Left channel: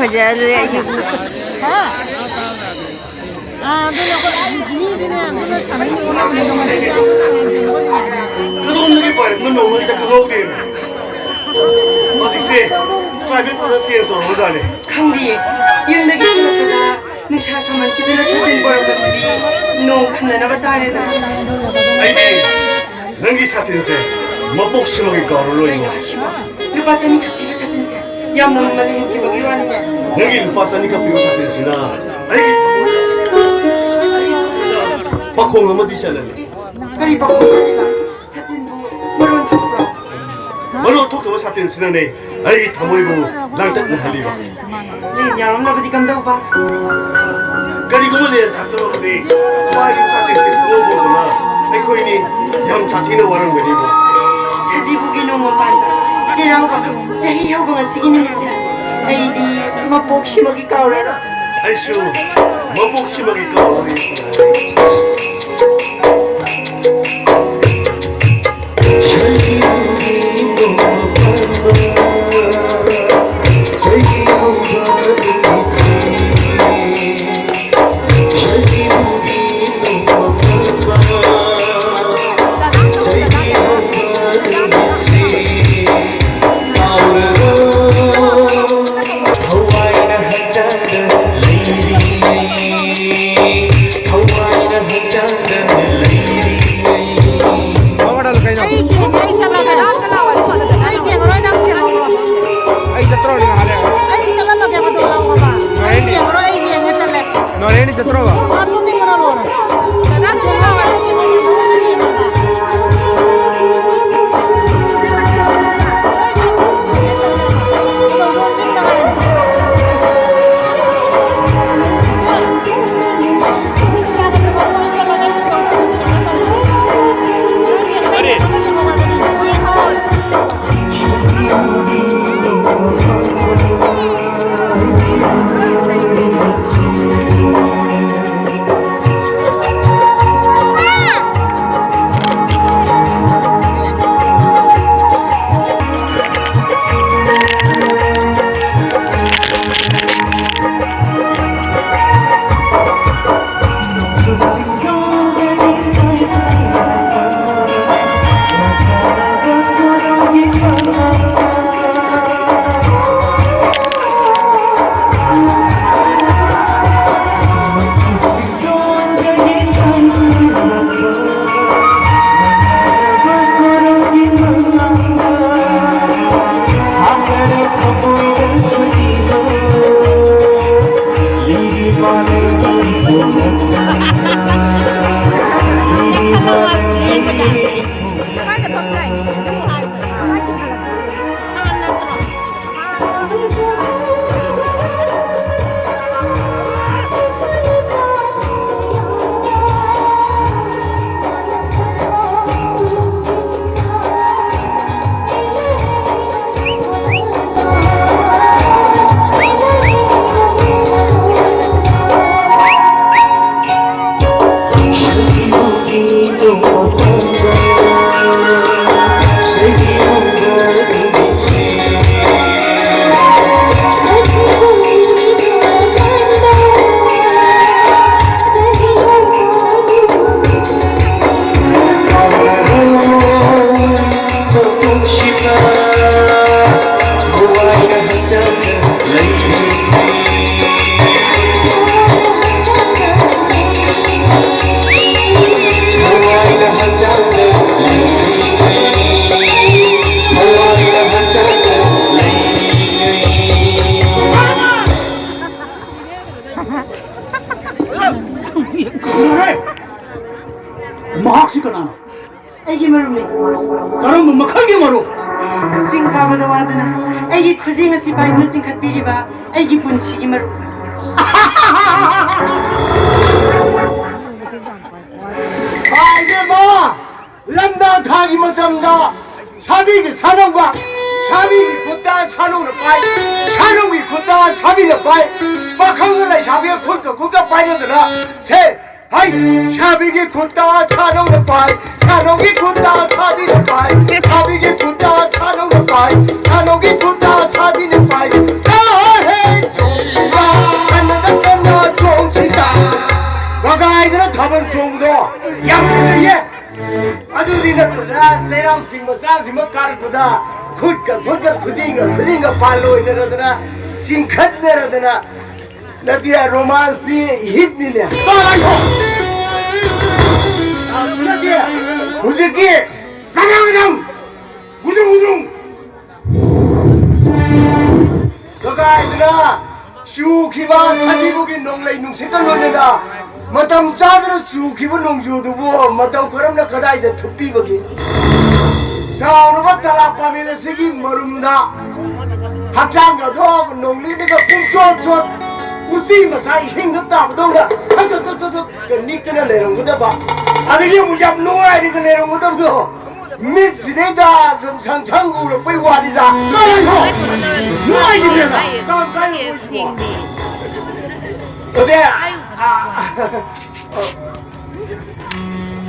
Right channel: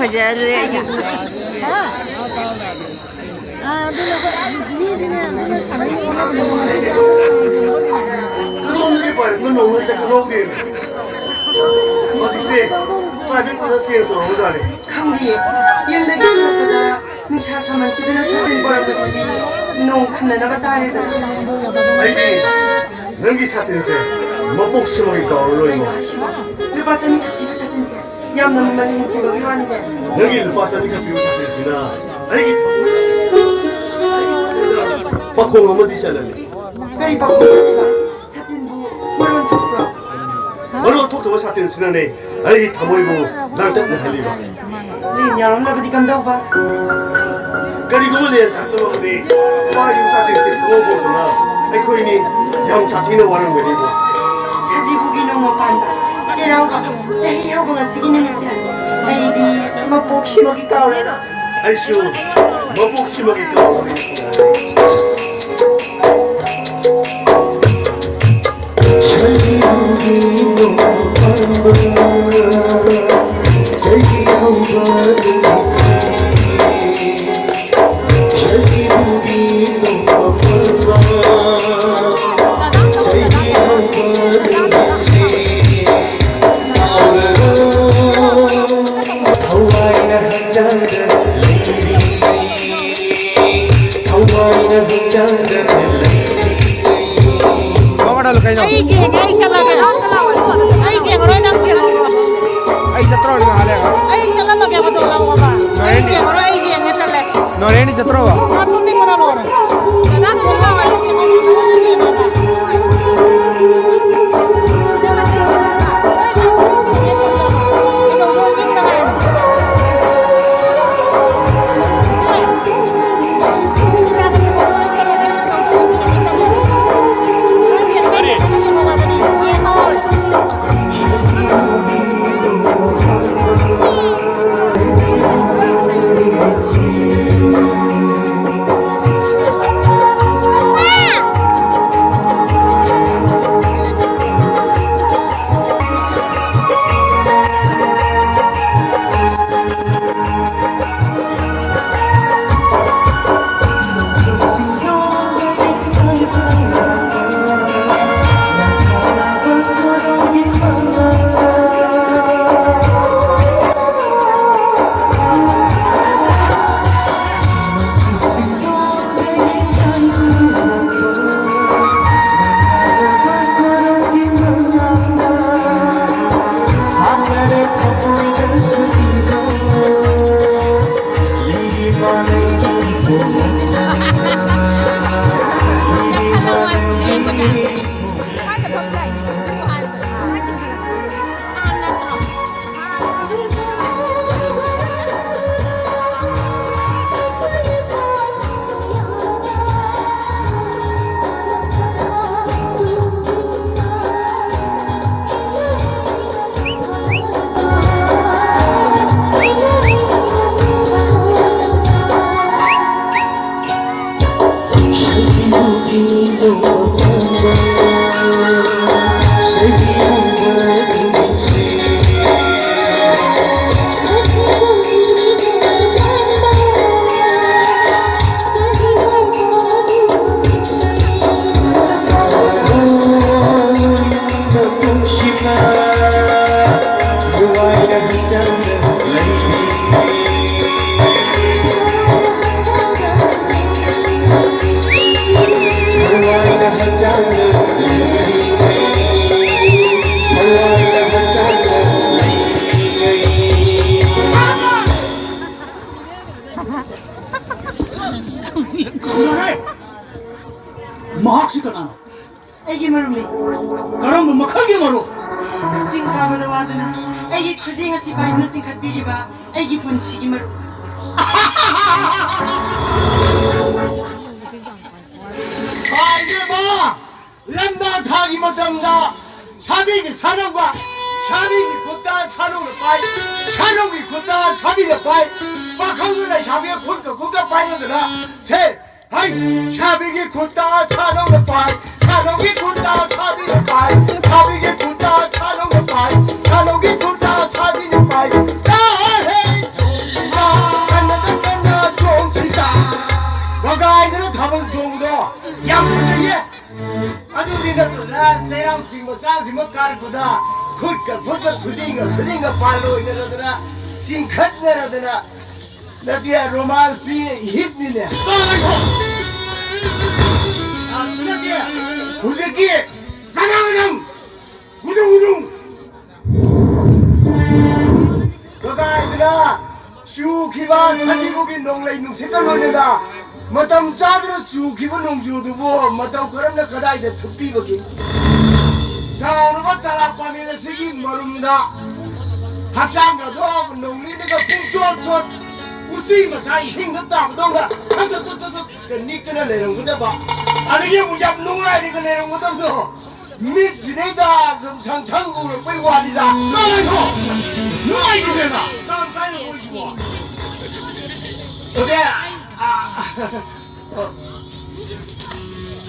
फजाले आइए 그동안에 봐요. 너 오늘 딱 그거 어디? 어디세? 가비 보다 세서 오다네. 강디 일내기 끝났다 능차 사만 기대나 사된 거라고 했으니 농 칸나나가 다르다 아이디 능기 사태세. 뭐 복싱하니까 얼로이고. 루바자니 카피를 사든세 얌 너무 많이 힘기 먹이로 아니냐 능기 루파사니까 비오 사태시나. 아이기. 박홍 한번 디샬래니. 그리 바꾸니까 사든도 물론 덕후라 얼로 톡톡 사태시나네. 아이기 타모이고 랑딱 나할리바. 리냐로 나버디 감다고 봐 그리고 뭐래 다들어오니 와이 사태세 오고구나. 아이코이니 양 자티는 와는 거니고. 사지부기 농어 반다 지라우가 자기 혀보가 쓰기는 미세 아이디 뭐 복시 먹이 까오래라 아이쇼 뭐 복싱하니까 우리. 애기 머름네 그럼 뭐 크게 모르 지금 가보다 와드나 애기 크징어 시바이 누징 갓비기바 애기 분식이 머루 이게 뭐 람다 타기 못합니다 사비기 사람과 사비기 곧다 사놈을 빠이 사놈이 곧다 사비를 빠이 막한걸라 사비가 곧다 곧다 빠이려더라 셋 하이 사비기 곧다 사놈을 빠이 사놈이 곧다 사비를 빠이 사비기 곧다 사놈을 빠이 사놈이 곧다 사비를 빠이 나해 가가이들은 답은 좋은거도 양푸들예 아주디 같더라 세랑 징뭐 싸지뭐 가르고다 굿가 그징가 발로 이러더라 싱컷 내려더라 나디야 로만스니 힙니네 빠라이고 나디야 무지기 가가가강 우둥우둥 가가이들아 슈키바 차지부기 농레이 농색깔 노는다 마담 짜들어 슈키바 농주두부 마담 그럼나 가다이데 투비거기 자루가 따라빠미는 색이 모릅니다 합장가도 농리니까 꿈쫓쫓 우리 마사이 힘겹다고 동가 그 니끼나 내는 거다 봐 아들이 무잡 농아리가 내는 거다 미치네다 좀 상창으로 빼와리다 나와서 누아이지 내가 다음 가요 보시고 어때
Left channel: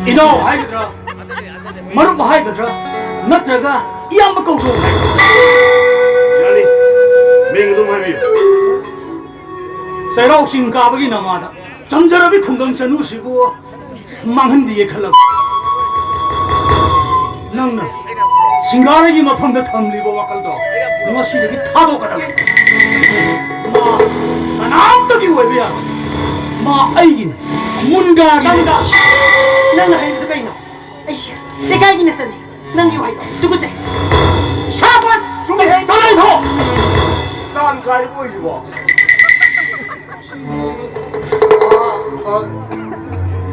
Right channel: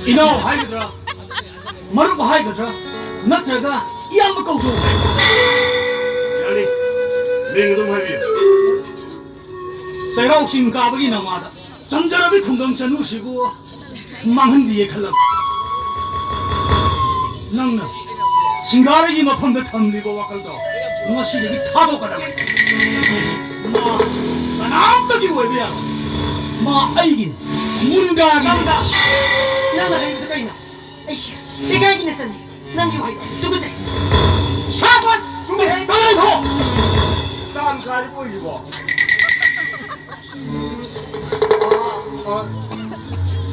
이노 하이드라 마루바 하이드라 나트라가 이암바 거고 아니 맹금 하비 세라옥신 가버기 나마다 잠자라비 콩덤차 누시고 망한 뒤에 칼라 낭나 싱가르기 마판다 탐리고 와kal도 무엇이든지 타도 가라 마 나남떡이 왜비야 마 아이긴 문가기 나온다 나는 하이드가 있나 아이씨 내가 이긴 했더니 난 이와이다 누구지 샤바스 준비해 나가서 딴 가리 보이고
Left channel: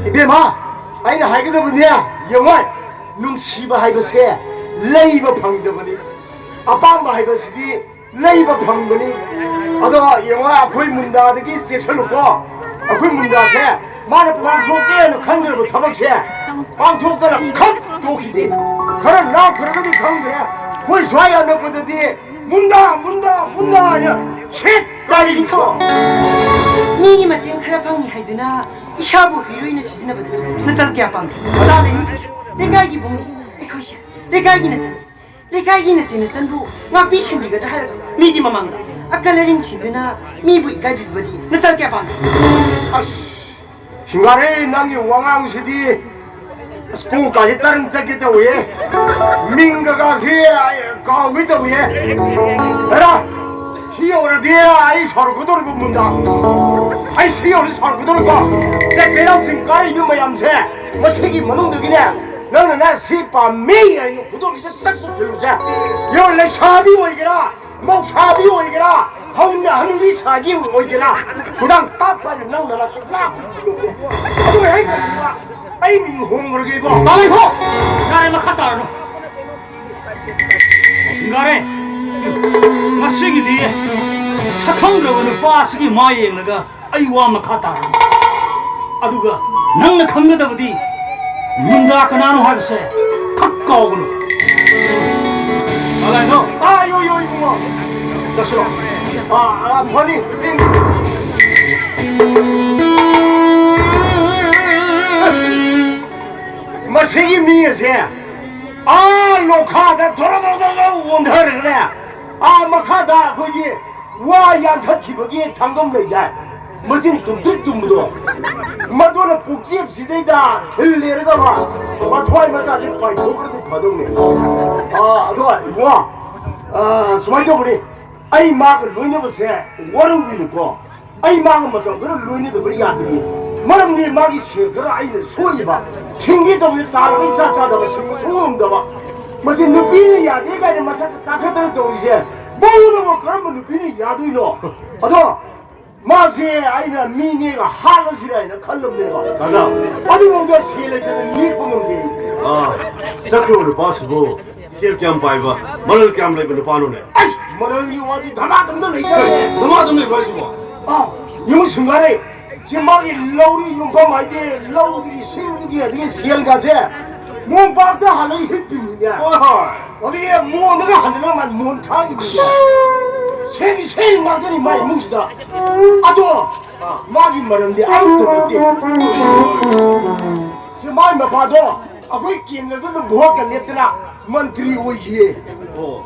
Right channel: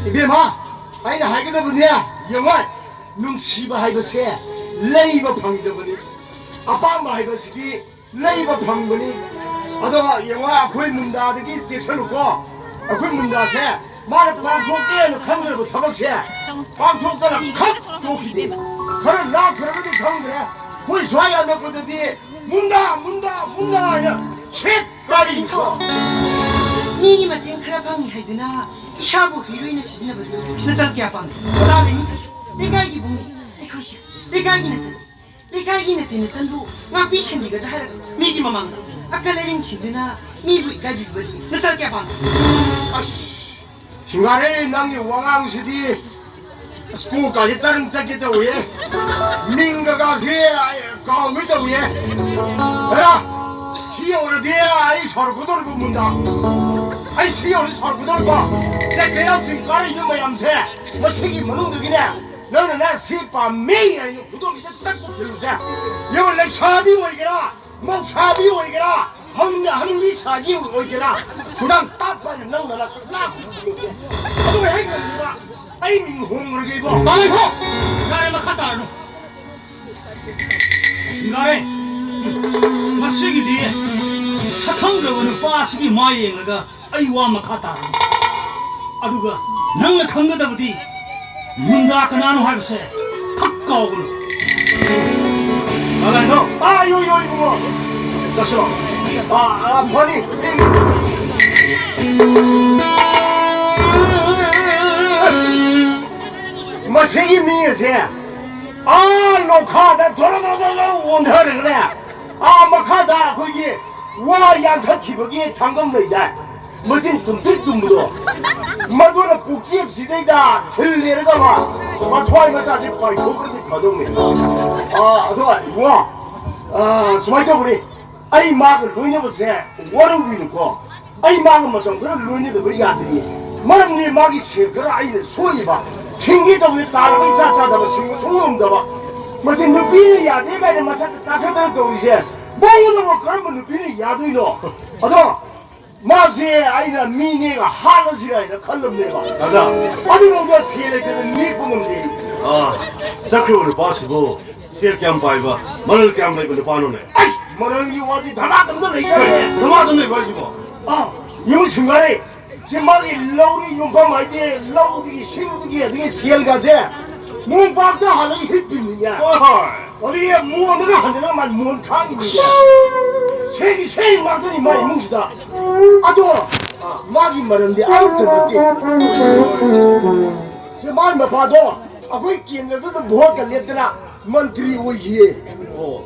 이베마 아이는 하이거든 분이야 영월 능시바 하이거세 레이버 방더분이 아빠마 하이거시디 레이버 방더니 아도 영월 아코이 문다드기 섹션놓고 아코이 문다세 말을 방송계에는 간결고 타박세 방송계는 컵 도키디 그런 나 그러거든 강들에 거의 좋아야 넣거든디 문다 아니야 셋 딸이 있어 니니 마틴 크라방이 하이드나 샤부 히로인을 시즌해보든 나tal게 아빠면 그다음에 내가 이 봉이 이것이야 내가 이기는 선부 나 비신비가 할 미기 마망다 아까 내린 집이나 미부 이까지거리 나tal게 아빠면 중간에 남이 왕왕시디 스포까지 다른 짝겠다 왜 민가가 가위다 왜 에라 희어를 내라 아이 서로 돌고 문다 아이 희어를 서로 돌고 쟤랑 지금까지 이런 모양새 뭐 색이 무능득이네 너는 나 세파 매야 있는 구독이서 딱 들으자 열내 샤비 오이게라 목 샤비 오이게라 하늘이 사기 오이게라 그당 따빠지 너는 나 붙이게 그거 왜 이거야 아이 민홍을 개고 나이고 나이 막하다 싱가레 마시기 뒤에 사康들어오는 파스기 마이엘가 아이와 막하다 아두가 낭나 강가다부디 문다 그나노 할세 탁가오구나 나가서 아요 이거 자시로 아니 마시기 미에세 녹화다 돌아돌아 원하를 그래 막하다 거기 와 양타 티버기 당금 너이다 멋진 뚱뚱뚱무도 마도는 복지업 시대이다 틀레르가 와 토하이 마사지 빠이 고그러지 거동네 아도가 와 수마이도 보니 아이 막을 루이네버세 워는 위는고 아이 막은 뭐좀 그런 루이네도 우리 아들이 마름네 막이 싫그라 아이는 소이봐 챙기다 보니 딸이 자자다 봐 소음다 봐 무슨 누비는 야대가 아니라 마사 따뜻하다고 이제 뭐도 뭐 그런 거 누비는 야도이노 아도 마세 아이는 미니가 하가시라 아이는 칼럼내가 맞아 어디 보자 세례들은 미꾸는데 사크로를 봐시고 시엘캠 파이바 머를 캠 레벨 파노네 아이 뭐를 이 어디 다나던들 얘기해 너마좀 봐시고 이 순간에 지막이 러우리 용파 마이데 러우들이 신들이 되게 세일가제 몸박다 하는 힙빈이냐 어디에 무언가 하지만 문탕입니다 세기 막더니 많이 뭉치다 아도 막이 말인데 아무도 없대 저 마음에 봐도 거기 끼는데도 뭐가 냈더라 ಮಂ트리 오이에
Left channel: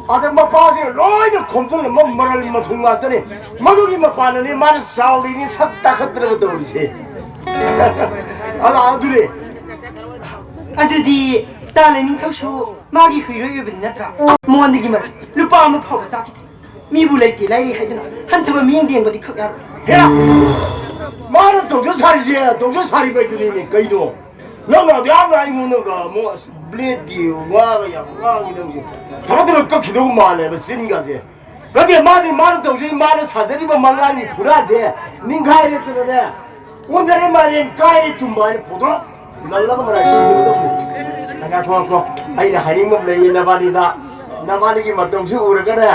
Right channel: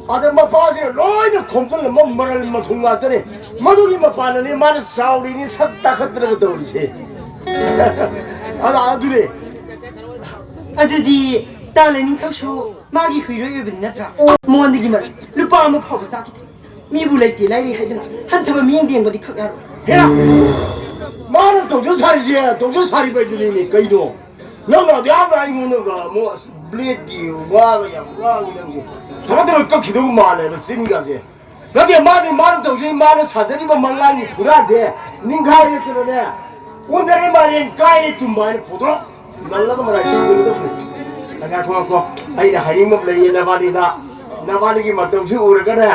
아들 뭐 봐서 로이는 곰돌을 뭐를 뭐 통과했더니 마독이 뭐 봤느니 말을 사울이니 삽다 흔들어갔다 그러지 아들이 아들이 딸내미 턱수 마기 휘로이 빈나트라 모한데기 말 루파 아무 파고 짜기 미불레티 라이리 하이드나 한타바 미행디엔 거디 크가로 야 많은 동전살이지 동전살이 봐이더니 그이도 너무 내가 이거는가 뭐 블레디 와가야 와기는 저것들을 꺾기도 말해 쓰니까지 그게 많은 동전이 많은 사설이 뭐 망가니 그러지 닌가이를 들어내 오늘의 말인 가이를 좀 많이 보도록 날라가 말할 수 있거든 내가 고맙고 아이나 하니면 내 나발이다 나발이기 맞동시 오르거든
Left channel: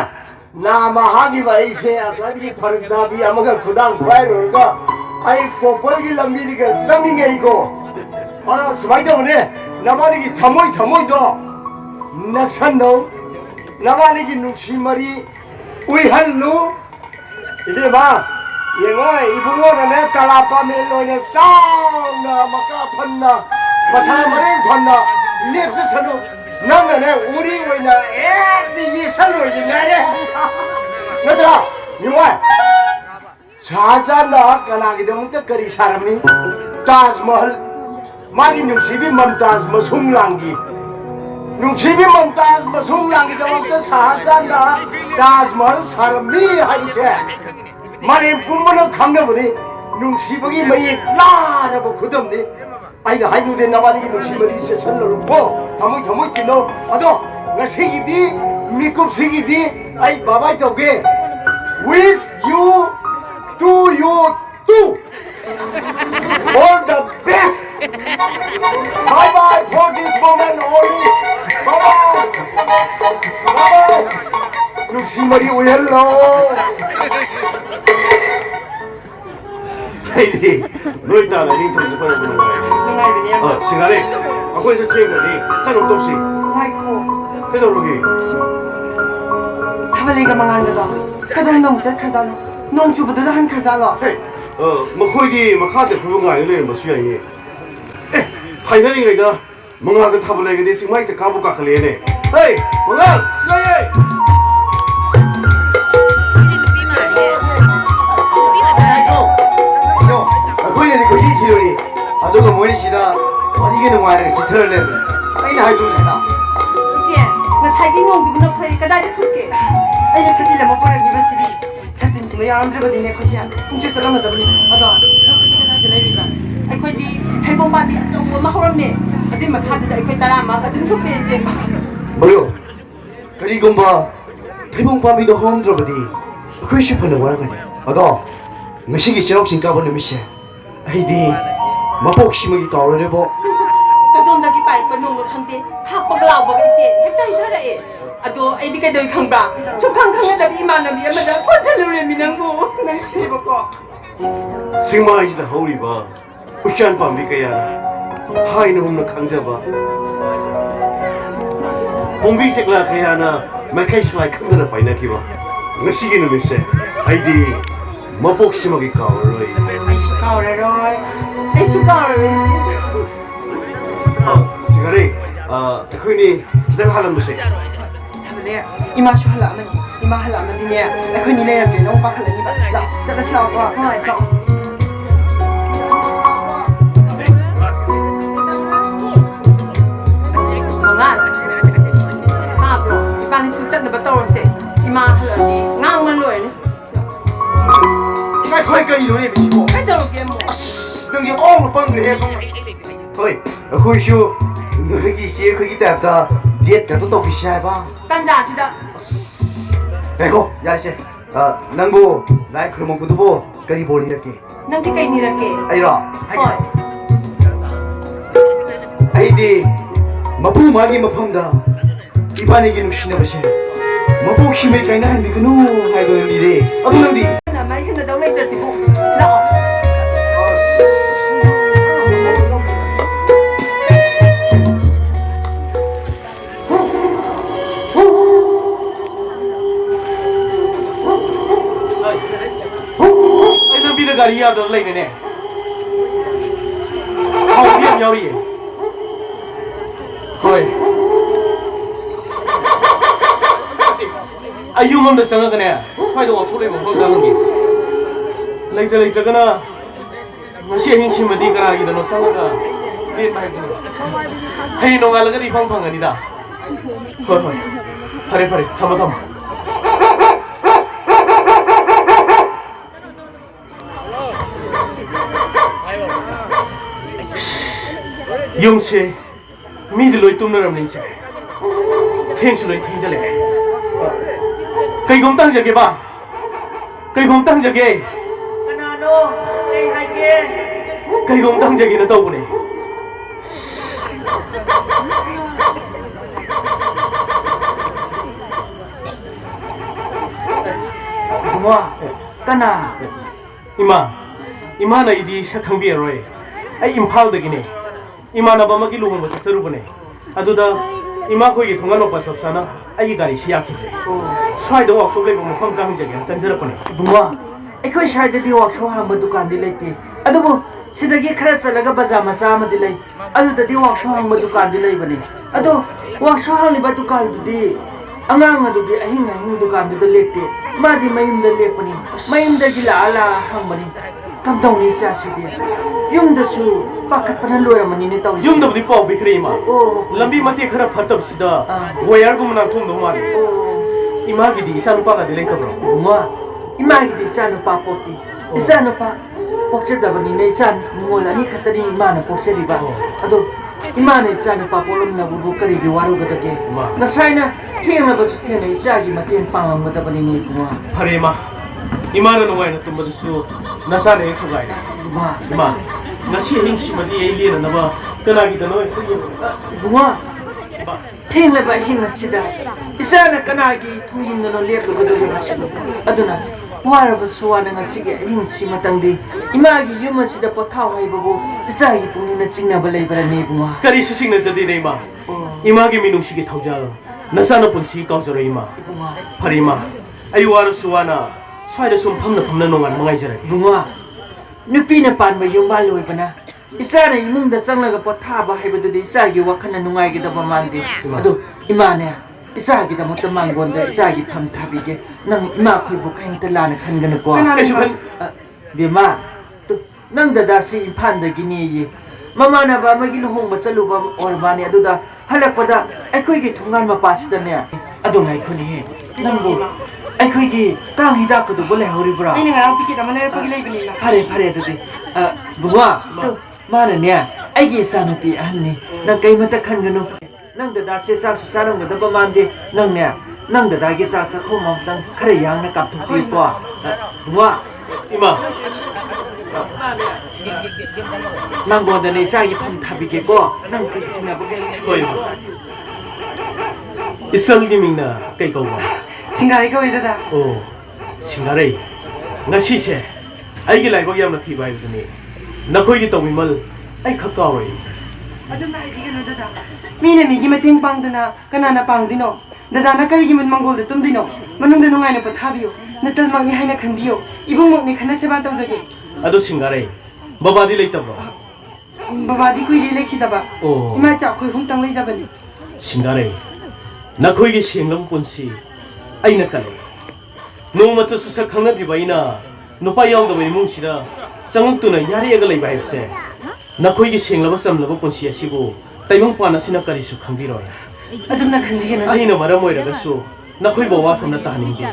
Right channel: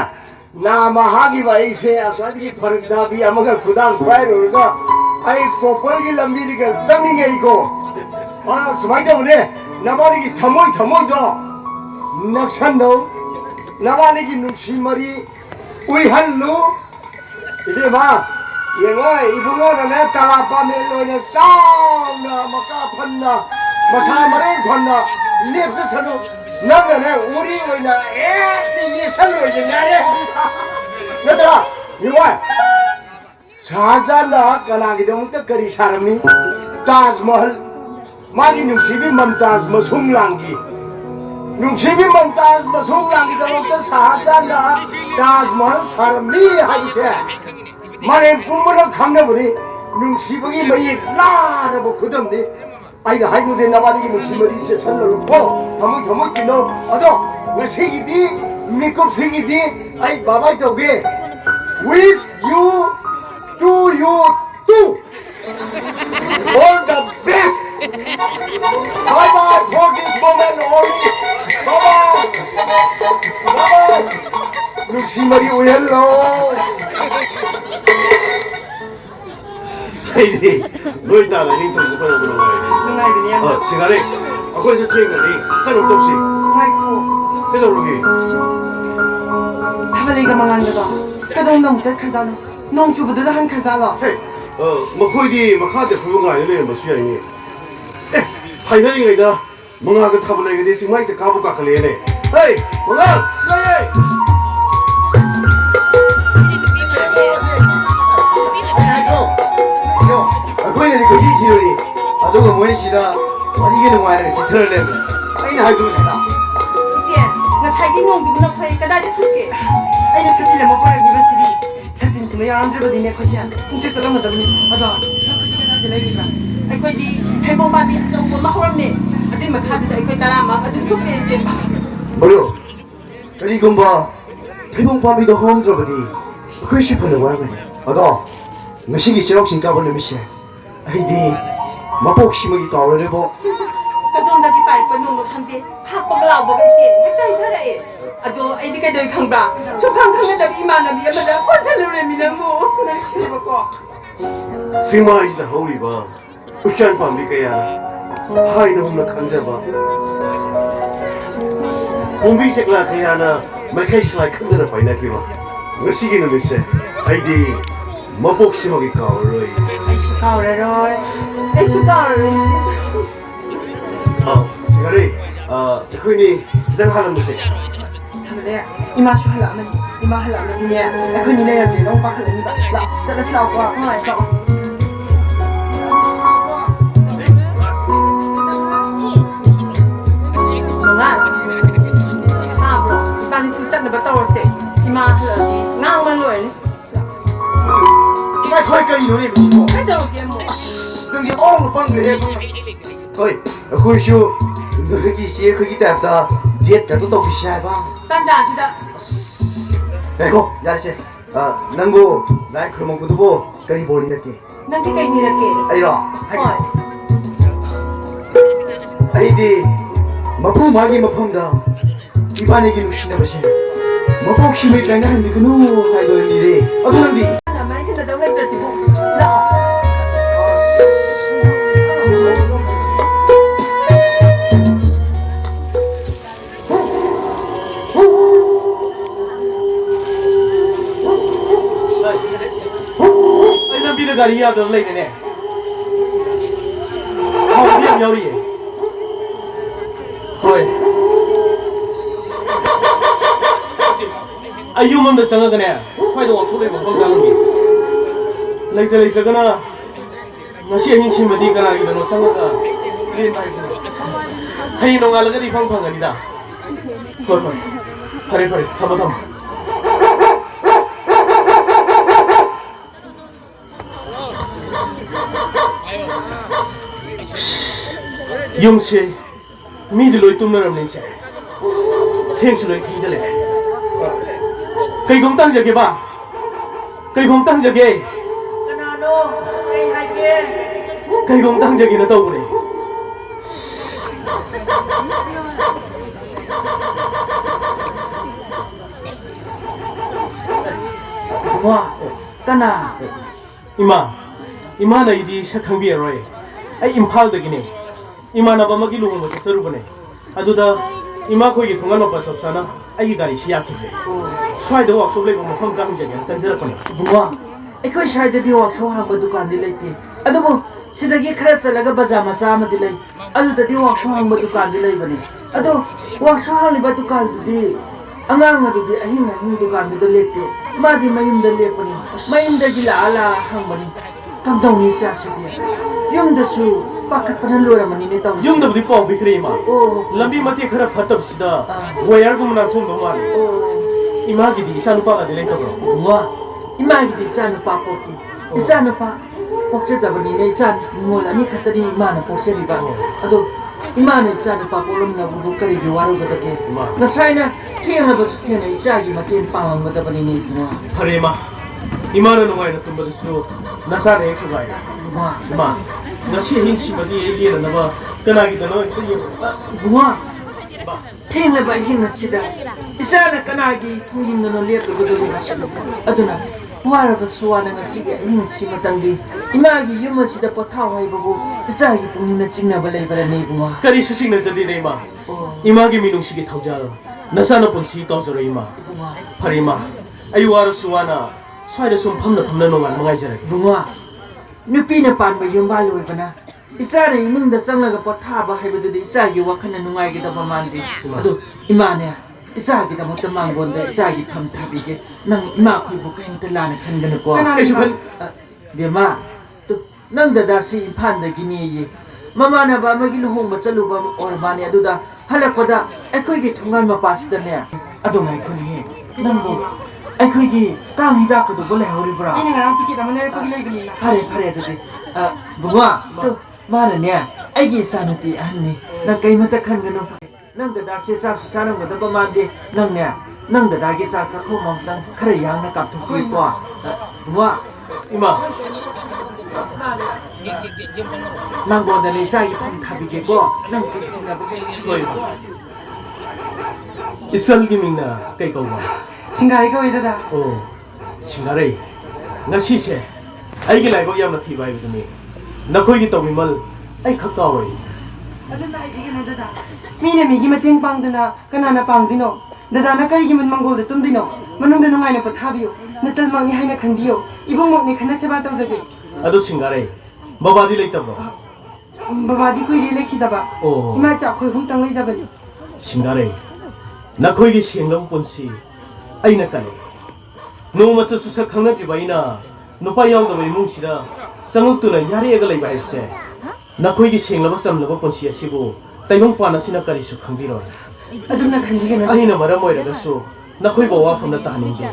나마하기 바이세 아사디기 파르다비 아마가 구당 바이로가 아이고 벌기 람비디가 짱닝에 있고 아 스마이 때문에 나발이기 타모이도 낙산도 나발이기 눈치머리 우이할루 이제 봐 영어 이분어는 달아빠멜로네 싸우나 마까 판나 마사마랭 판나 립스서도 너는 우리 왜나 이 살로 이냐네 너들아 이말 사자나 까나기도 끝거리 사람이 타즈마할 마기 눈시비 맘타즈 마송랑기 눈시비 맘타즈 마송랑기 들어도 사자나 타즈마할 사람이 하이세 만에 부모는 감나보니 눈시복이 뭐이 나라고 그덤니 아이가 하이도 된 나발이기 눈시머리 있어 살로놓고 더무 뛰노 아도 나 생기디 미급 생기디 아이 바바이 도게 with you to you too all the best bye bye for this moment only bye bye 눈시머리 우엘로 헤이디 너 있다가 링턴 좀 보는 거야 누나이비냐 시간에 거기서 태우더니 짠 없이 아이고 해도록이 타발리가 망한다다 그동 너무 젖크자노 농주부들도 한 크자로 헤이 뭐 거기 막 하대 부른 거 아니네 뭐 수양이 에 하이더니가 이다 뭔가 그 타블레게 내 지금 마이트 가볼까 그래네 헤이 뭔가 시간에 거기는 그 이티로니 너가 뭐이시다 이게는 뭐야 시트를 내는 아이는 하이도 되나 이제 나 살기 농주부나 파이 까다리 툭게 아이는 사실래 못 봐야 이것이 사든지 뭐 안 들어도 내 것이야 훔쳐서 넘어더니 어서 내리가 아이코디 해보바비 좀 마호르네 어디 막 가지다 아이코 따라 막 어디 좀 빼지 뭐요 그리고 뭐 태봉밤이도 홈 들어보디 그 싶어는 뭐하거니 어도 메시기 실옥신 까보는 미시 아이디 마복 심하게 까오래보 그동자기 빨고 누구 한데 학벌라 보고 이제 일단 살아해 아도 아이디 그도 강바 속강강하다 이만함이 아마다 혼자를 미나고 난 싫어고 승마이지다 허우리봐 우시안 밤이 까야나 하이는 홈나 강자봐 공비 색라 까야나 마카이 슬라이 큰데나 바이나 기봐 메시기는 미시 아이디 마복 심하게 까오래 아이씨 가오래로이 아이씨 가오래 시간에 그니 기다려 하는 것이 그래 이마쇼 할라면 이마 할라면 디네 그니 내는데 너무 박할래니 봐 자, 저거 거 그만 거 뭔가 사브로 이반이 진짜 너 떠올때 이마 할라니 나만 거야 나 거기까지 이러네 미치고 해더게 뭐 여기 어우 빵을 해서 어이 거기쇼 너기 시에 거기 때부터 디엣가도 또 시해봐 딴자시다 에고 야씨 난고 나이 그런 것도 뭐 거기 보니 이렇게 넌 티가 이렇게 아이라 아이디 마부 마기 마품다 이반에게 누시나 보시 마복 심에 까이나 한데 그노 하이도 일이 어떤디 나만 해도 너무 힘들지 너 garia do lei ne hau dia nhau đi rồi ayu ngom da sanga gane phai do su le mo sang gi lei tra gana ngasi hingsimadi kanagidano sangaga lin mai bunu hay nongalagadi phangphangani da hoi hoi pare thama yungse midi loi tumnaramni se thengsu loi thengjale kaigom tangjage ba kaigom tangjage kanano ai haike kaigom tangjage na tawbune bunga kana ima na idi sakhangbi aroi ai imphal dagine ima na bamagi luhungo sarubune aduda ima khoi gi thongal ma sapsana ai gari siya khile swai do workshop lei mo kham kam jage sanjara kone bunga ꯑꯩꯈꯣꯏ ꯁ꯭ꯋꯥꯏꯗꯗꯤ ꯋꯥꯛꯁꯣꯞ ꯍꯥꯡꯕ ꯗꯨꯀꯥꯟꯗꯤ ꯂꯩꯇꯦ ꯑꯗꯨꯕꯨ ꯁꯤꯗꯒꯤ ꯈꯔ ꯆꯠꯂꯒ ꯕꯖꯥꯔ ꯃꯆꯥ ꯑꯃꯗꯤ ꯂꯩ ꯑꯗꯨꯗꯗꯤ ꯋꯥꯛꯁꯣꯞ ꯍꯥꯡꯕ ꯗꯨꯀꯥꯟꯗꯤ ꯂꯩꯕꯅꯤ ꯑꯗꯣ ꯋꯥꯛꯁꯣꯞ ꯍꯥꯡꯂꯤꯕ ꯗꯨꯀꯥꯟꯗꯨꯗꯤ ꯑꯉꯥꯡ ꯑꯗꯨꯗꯤ ꯑꯍꯤꯡ ꯗꯨꯀꯥꯟꯗꯨꯗ ꯂꯦꯛꯇꯦ ꯃꯥꯗꯤ ꯃꯌꯨꯝꯗ ꯂꯦꯛꯄꯅꯤ ꯃꯌꯨꯝꯗꯒꯤ ꯂꯥꯛꯑ ꯍꯪꯕꯅꯤ ꯀꯝꯗꯧꯅꯤ ꯏꯆꯥꯁꯤꯗꯤ ꯌꯨꯝꯗꯁꯨ ꯄꯥꯈꯠꯄꯅ ꯂꯣꯏꯔꯝꯃꯅꯤꯅꯦ ꯇꯧꯔꯤꯁꯦ ꯌꯨꯝꯗꯕꯨꯗꯤ ꯄꯥꯎ ꯄꯤꯈ꯭ꯔꯦ ꯏꯃꯥ ꯑꯣ ꯂꯝꯕꯤ ꯃꯇꯦꯛ ꯈꯔ ꯐꯠꯇꯕꯁꯤꯗ ꯋꯥꯌꯔꯒꯨꯝꯕ ꯅꯥꯟꯊꯣꯛꯗꯧ ꯃꯥꯜꯂꯤ 이마기디 이사누빠가 들레이터도 뭐 이마기디 이사누빠 뽑기 이사누빠 뽑자다보니 이사 누구라니 갔더니 이마는 뽑자리가 아도 이마는 이사누빠 뽑으면 누구 그리 와로거든게 나사이나 태어나버서 태어나 이자기 맞긴 빵한 거다 보니 뭐 파레마 이마는 누가이나 tumbadusu 나사네 그가이 이마 ngasi hingsimadi eiliana naba kanagidano 뭐 태어나봐 힘나시다 이사는 까나기 통인노 lep거든 아도나 와라바 소와나 ngasi게 힘시 마땅디 이마기 유머시다 포타와 이보고 이사기 분이나 찍나바 레이바라니 뭐 kari susingna jadi ima imagi minungsigi thauja nasana punsi kausara ima parima ayuwara suwana swaida sum phamna nongan mangai bunga nupina panba yumba loibana isana imungda changlaga pothaba haibadudi isagi wakhana nungaigidaba mandi adu imane isagi da mata mangonda isagi pham thabige nang ima khoibu kaimta lana khangana ko kaisu khan bema tu nang dada si imphanda gini yi mamana ba magi no hongba chaluba orbani aduda halakoda aikhoigi thungal mapasida ne adu ngai khuni nangbo aikhoigi kang hida ko du le horibra ꯑꯩꯅ ꯉꯔꯥꯡ ꯄꯤꯀꯦꯠ ꯑꯃ ꯂꯩꯔꯛꯄꯒꯤ ꯂꯩꯕꯅꯤꯅ fare ꯑꯗꯨꯗꯤ ꯕꯨꯡꯉꯣ ꯇꯨ ꯃꯥꯅꯅꯦ ꯑꯩꯒꯤ ꯏꯆꯥꯅꯨꯄꯤ ꯑꯍꯟꯅꯤ ꯅꯪ ꯀꯩꯃꯇ ꯈꯟꯒꯅꯨ ꯅꯪ ꯗꯗꯥꯁꯦ ꯆꯥꯛꯁꯨ ꯆꯥꯔꯝꯒꯗꯕ ꯃꯥꯟꯗꯦ ꯅꯪꯅꯦ ꯅꯪ ꯗꯗꯥꯒꯤ ꯆꯥ ꯆꯥꯛꯈꯣꯝ ꯑꯃꯇꯪ ꯈꯔ ꯌꯥꯡꯅ ꯀꯥꯞꯊꯣꯛꯄꯤꯌꯨꯀꯣ ꯕꯨꯡꯉꯣ ima ꯅꯪꯉꯣꯟꯗꯅꯦ ꯏꯆꯥꯒꯤ ꯐꯝ ꯊꯥꯕꯤꯒꯦꯀꯣ ꯅꯪ ꯀꯩ ꯆꯤꯡꯅꯕ koi isalgi mingna kai kauwa ꯁꯤꯡꯒꯥꯔꯩ ꯀꯧꯏ ꯗꯗꯥ o singarai ngasise aigi laibo yamna thibai guduni nakhoigi tawmimal ai khakawai ꯑꯗꯨꯝꯅ ꯍꯥꯏꯕꯤꯒꯅꯨ ꯗꯗꯥ ꯃꯤꯅ ꯃꯤꯒꯤ ꯃꯇꯦꯡ ꯄꯥꯡꯗꯅ ꯀꯅꯥꯅ ꯄꯥꯡꯗꯣꯏꯅꯣ ꯗꯗꯥꯅ ꯀꯔꯤꯒꯤ ꯃꯪꯒꯣꯜꯗ ꯇꯨꯝꯗꯣꯏꯅꯣ ꯃꯅꯨꯡꯗ ꯅꯨꯡꯉꯥꯏꯅ ꯄꯣꯊꯥꯕꯤꯌꯨ ꯅꯆꯜꯃꯛꯅꯤ ꯍꯥꯏꯅ ꯈꯟꯕꯤꯌꯨ 이봉목ꯅꯤ ꯈꯟꯅ ꯁꯦꯕꯥ ꯇꯧꯖꯒꯦ adu singarai babadi leitabro ꯕꯕꯥꯗꯤ ꯀꯨꯏꯔꯦ ꯂꯩꯈꯤꯗꯕ ꯑꯣ ꯏꯃꯥ ꯏꯆꯥ ꯑꯩꯈꯣꯏ ꯑꯍꯨꯝꯇꯪ ꯂꯩꯖꯕꯅꯤ singarai nakhoigi sengam punsi aina kale nongmata su sak khangnadriba ina nupa yaudaba imungsida changuktuna yareaga leiba haibse nakhoigi senglaba chamlaba punsi asibu taimong pana sina karisu khangbiroi ꯑꯗꯨꯝꯅ ꯈꯟꯕꯤꯒꯅꯨ aina maram oiragasu nakhoi bawa famna tahningge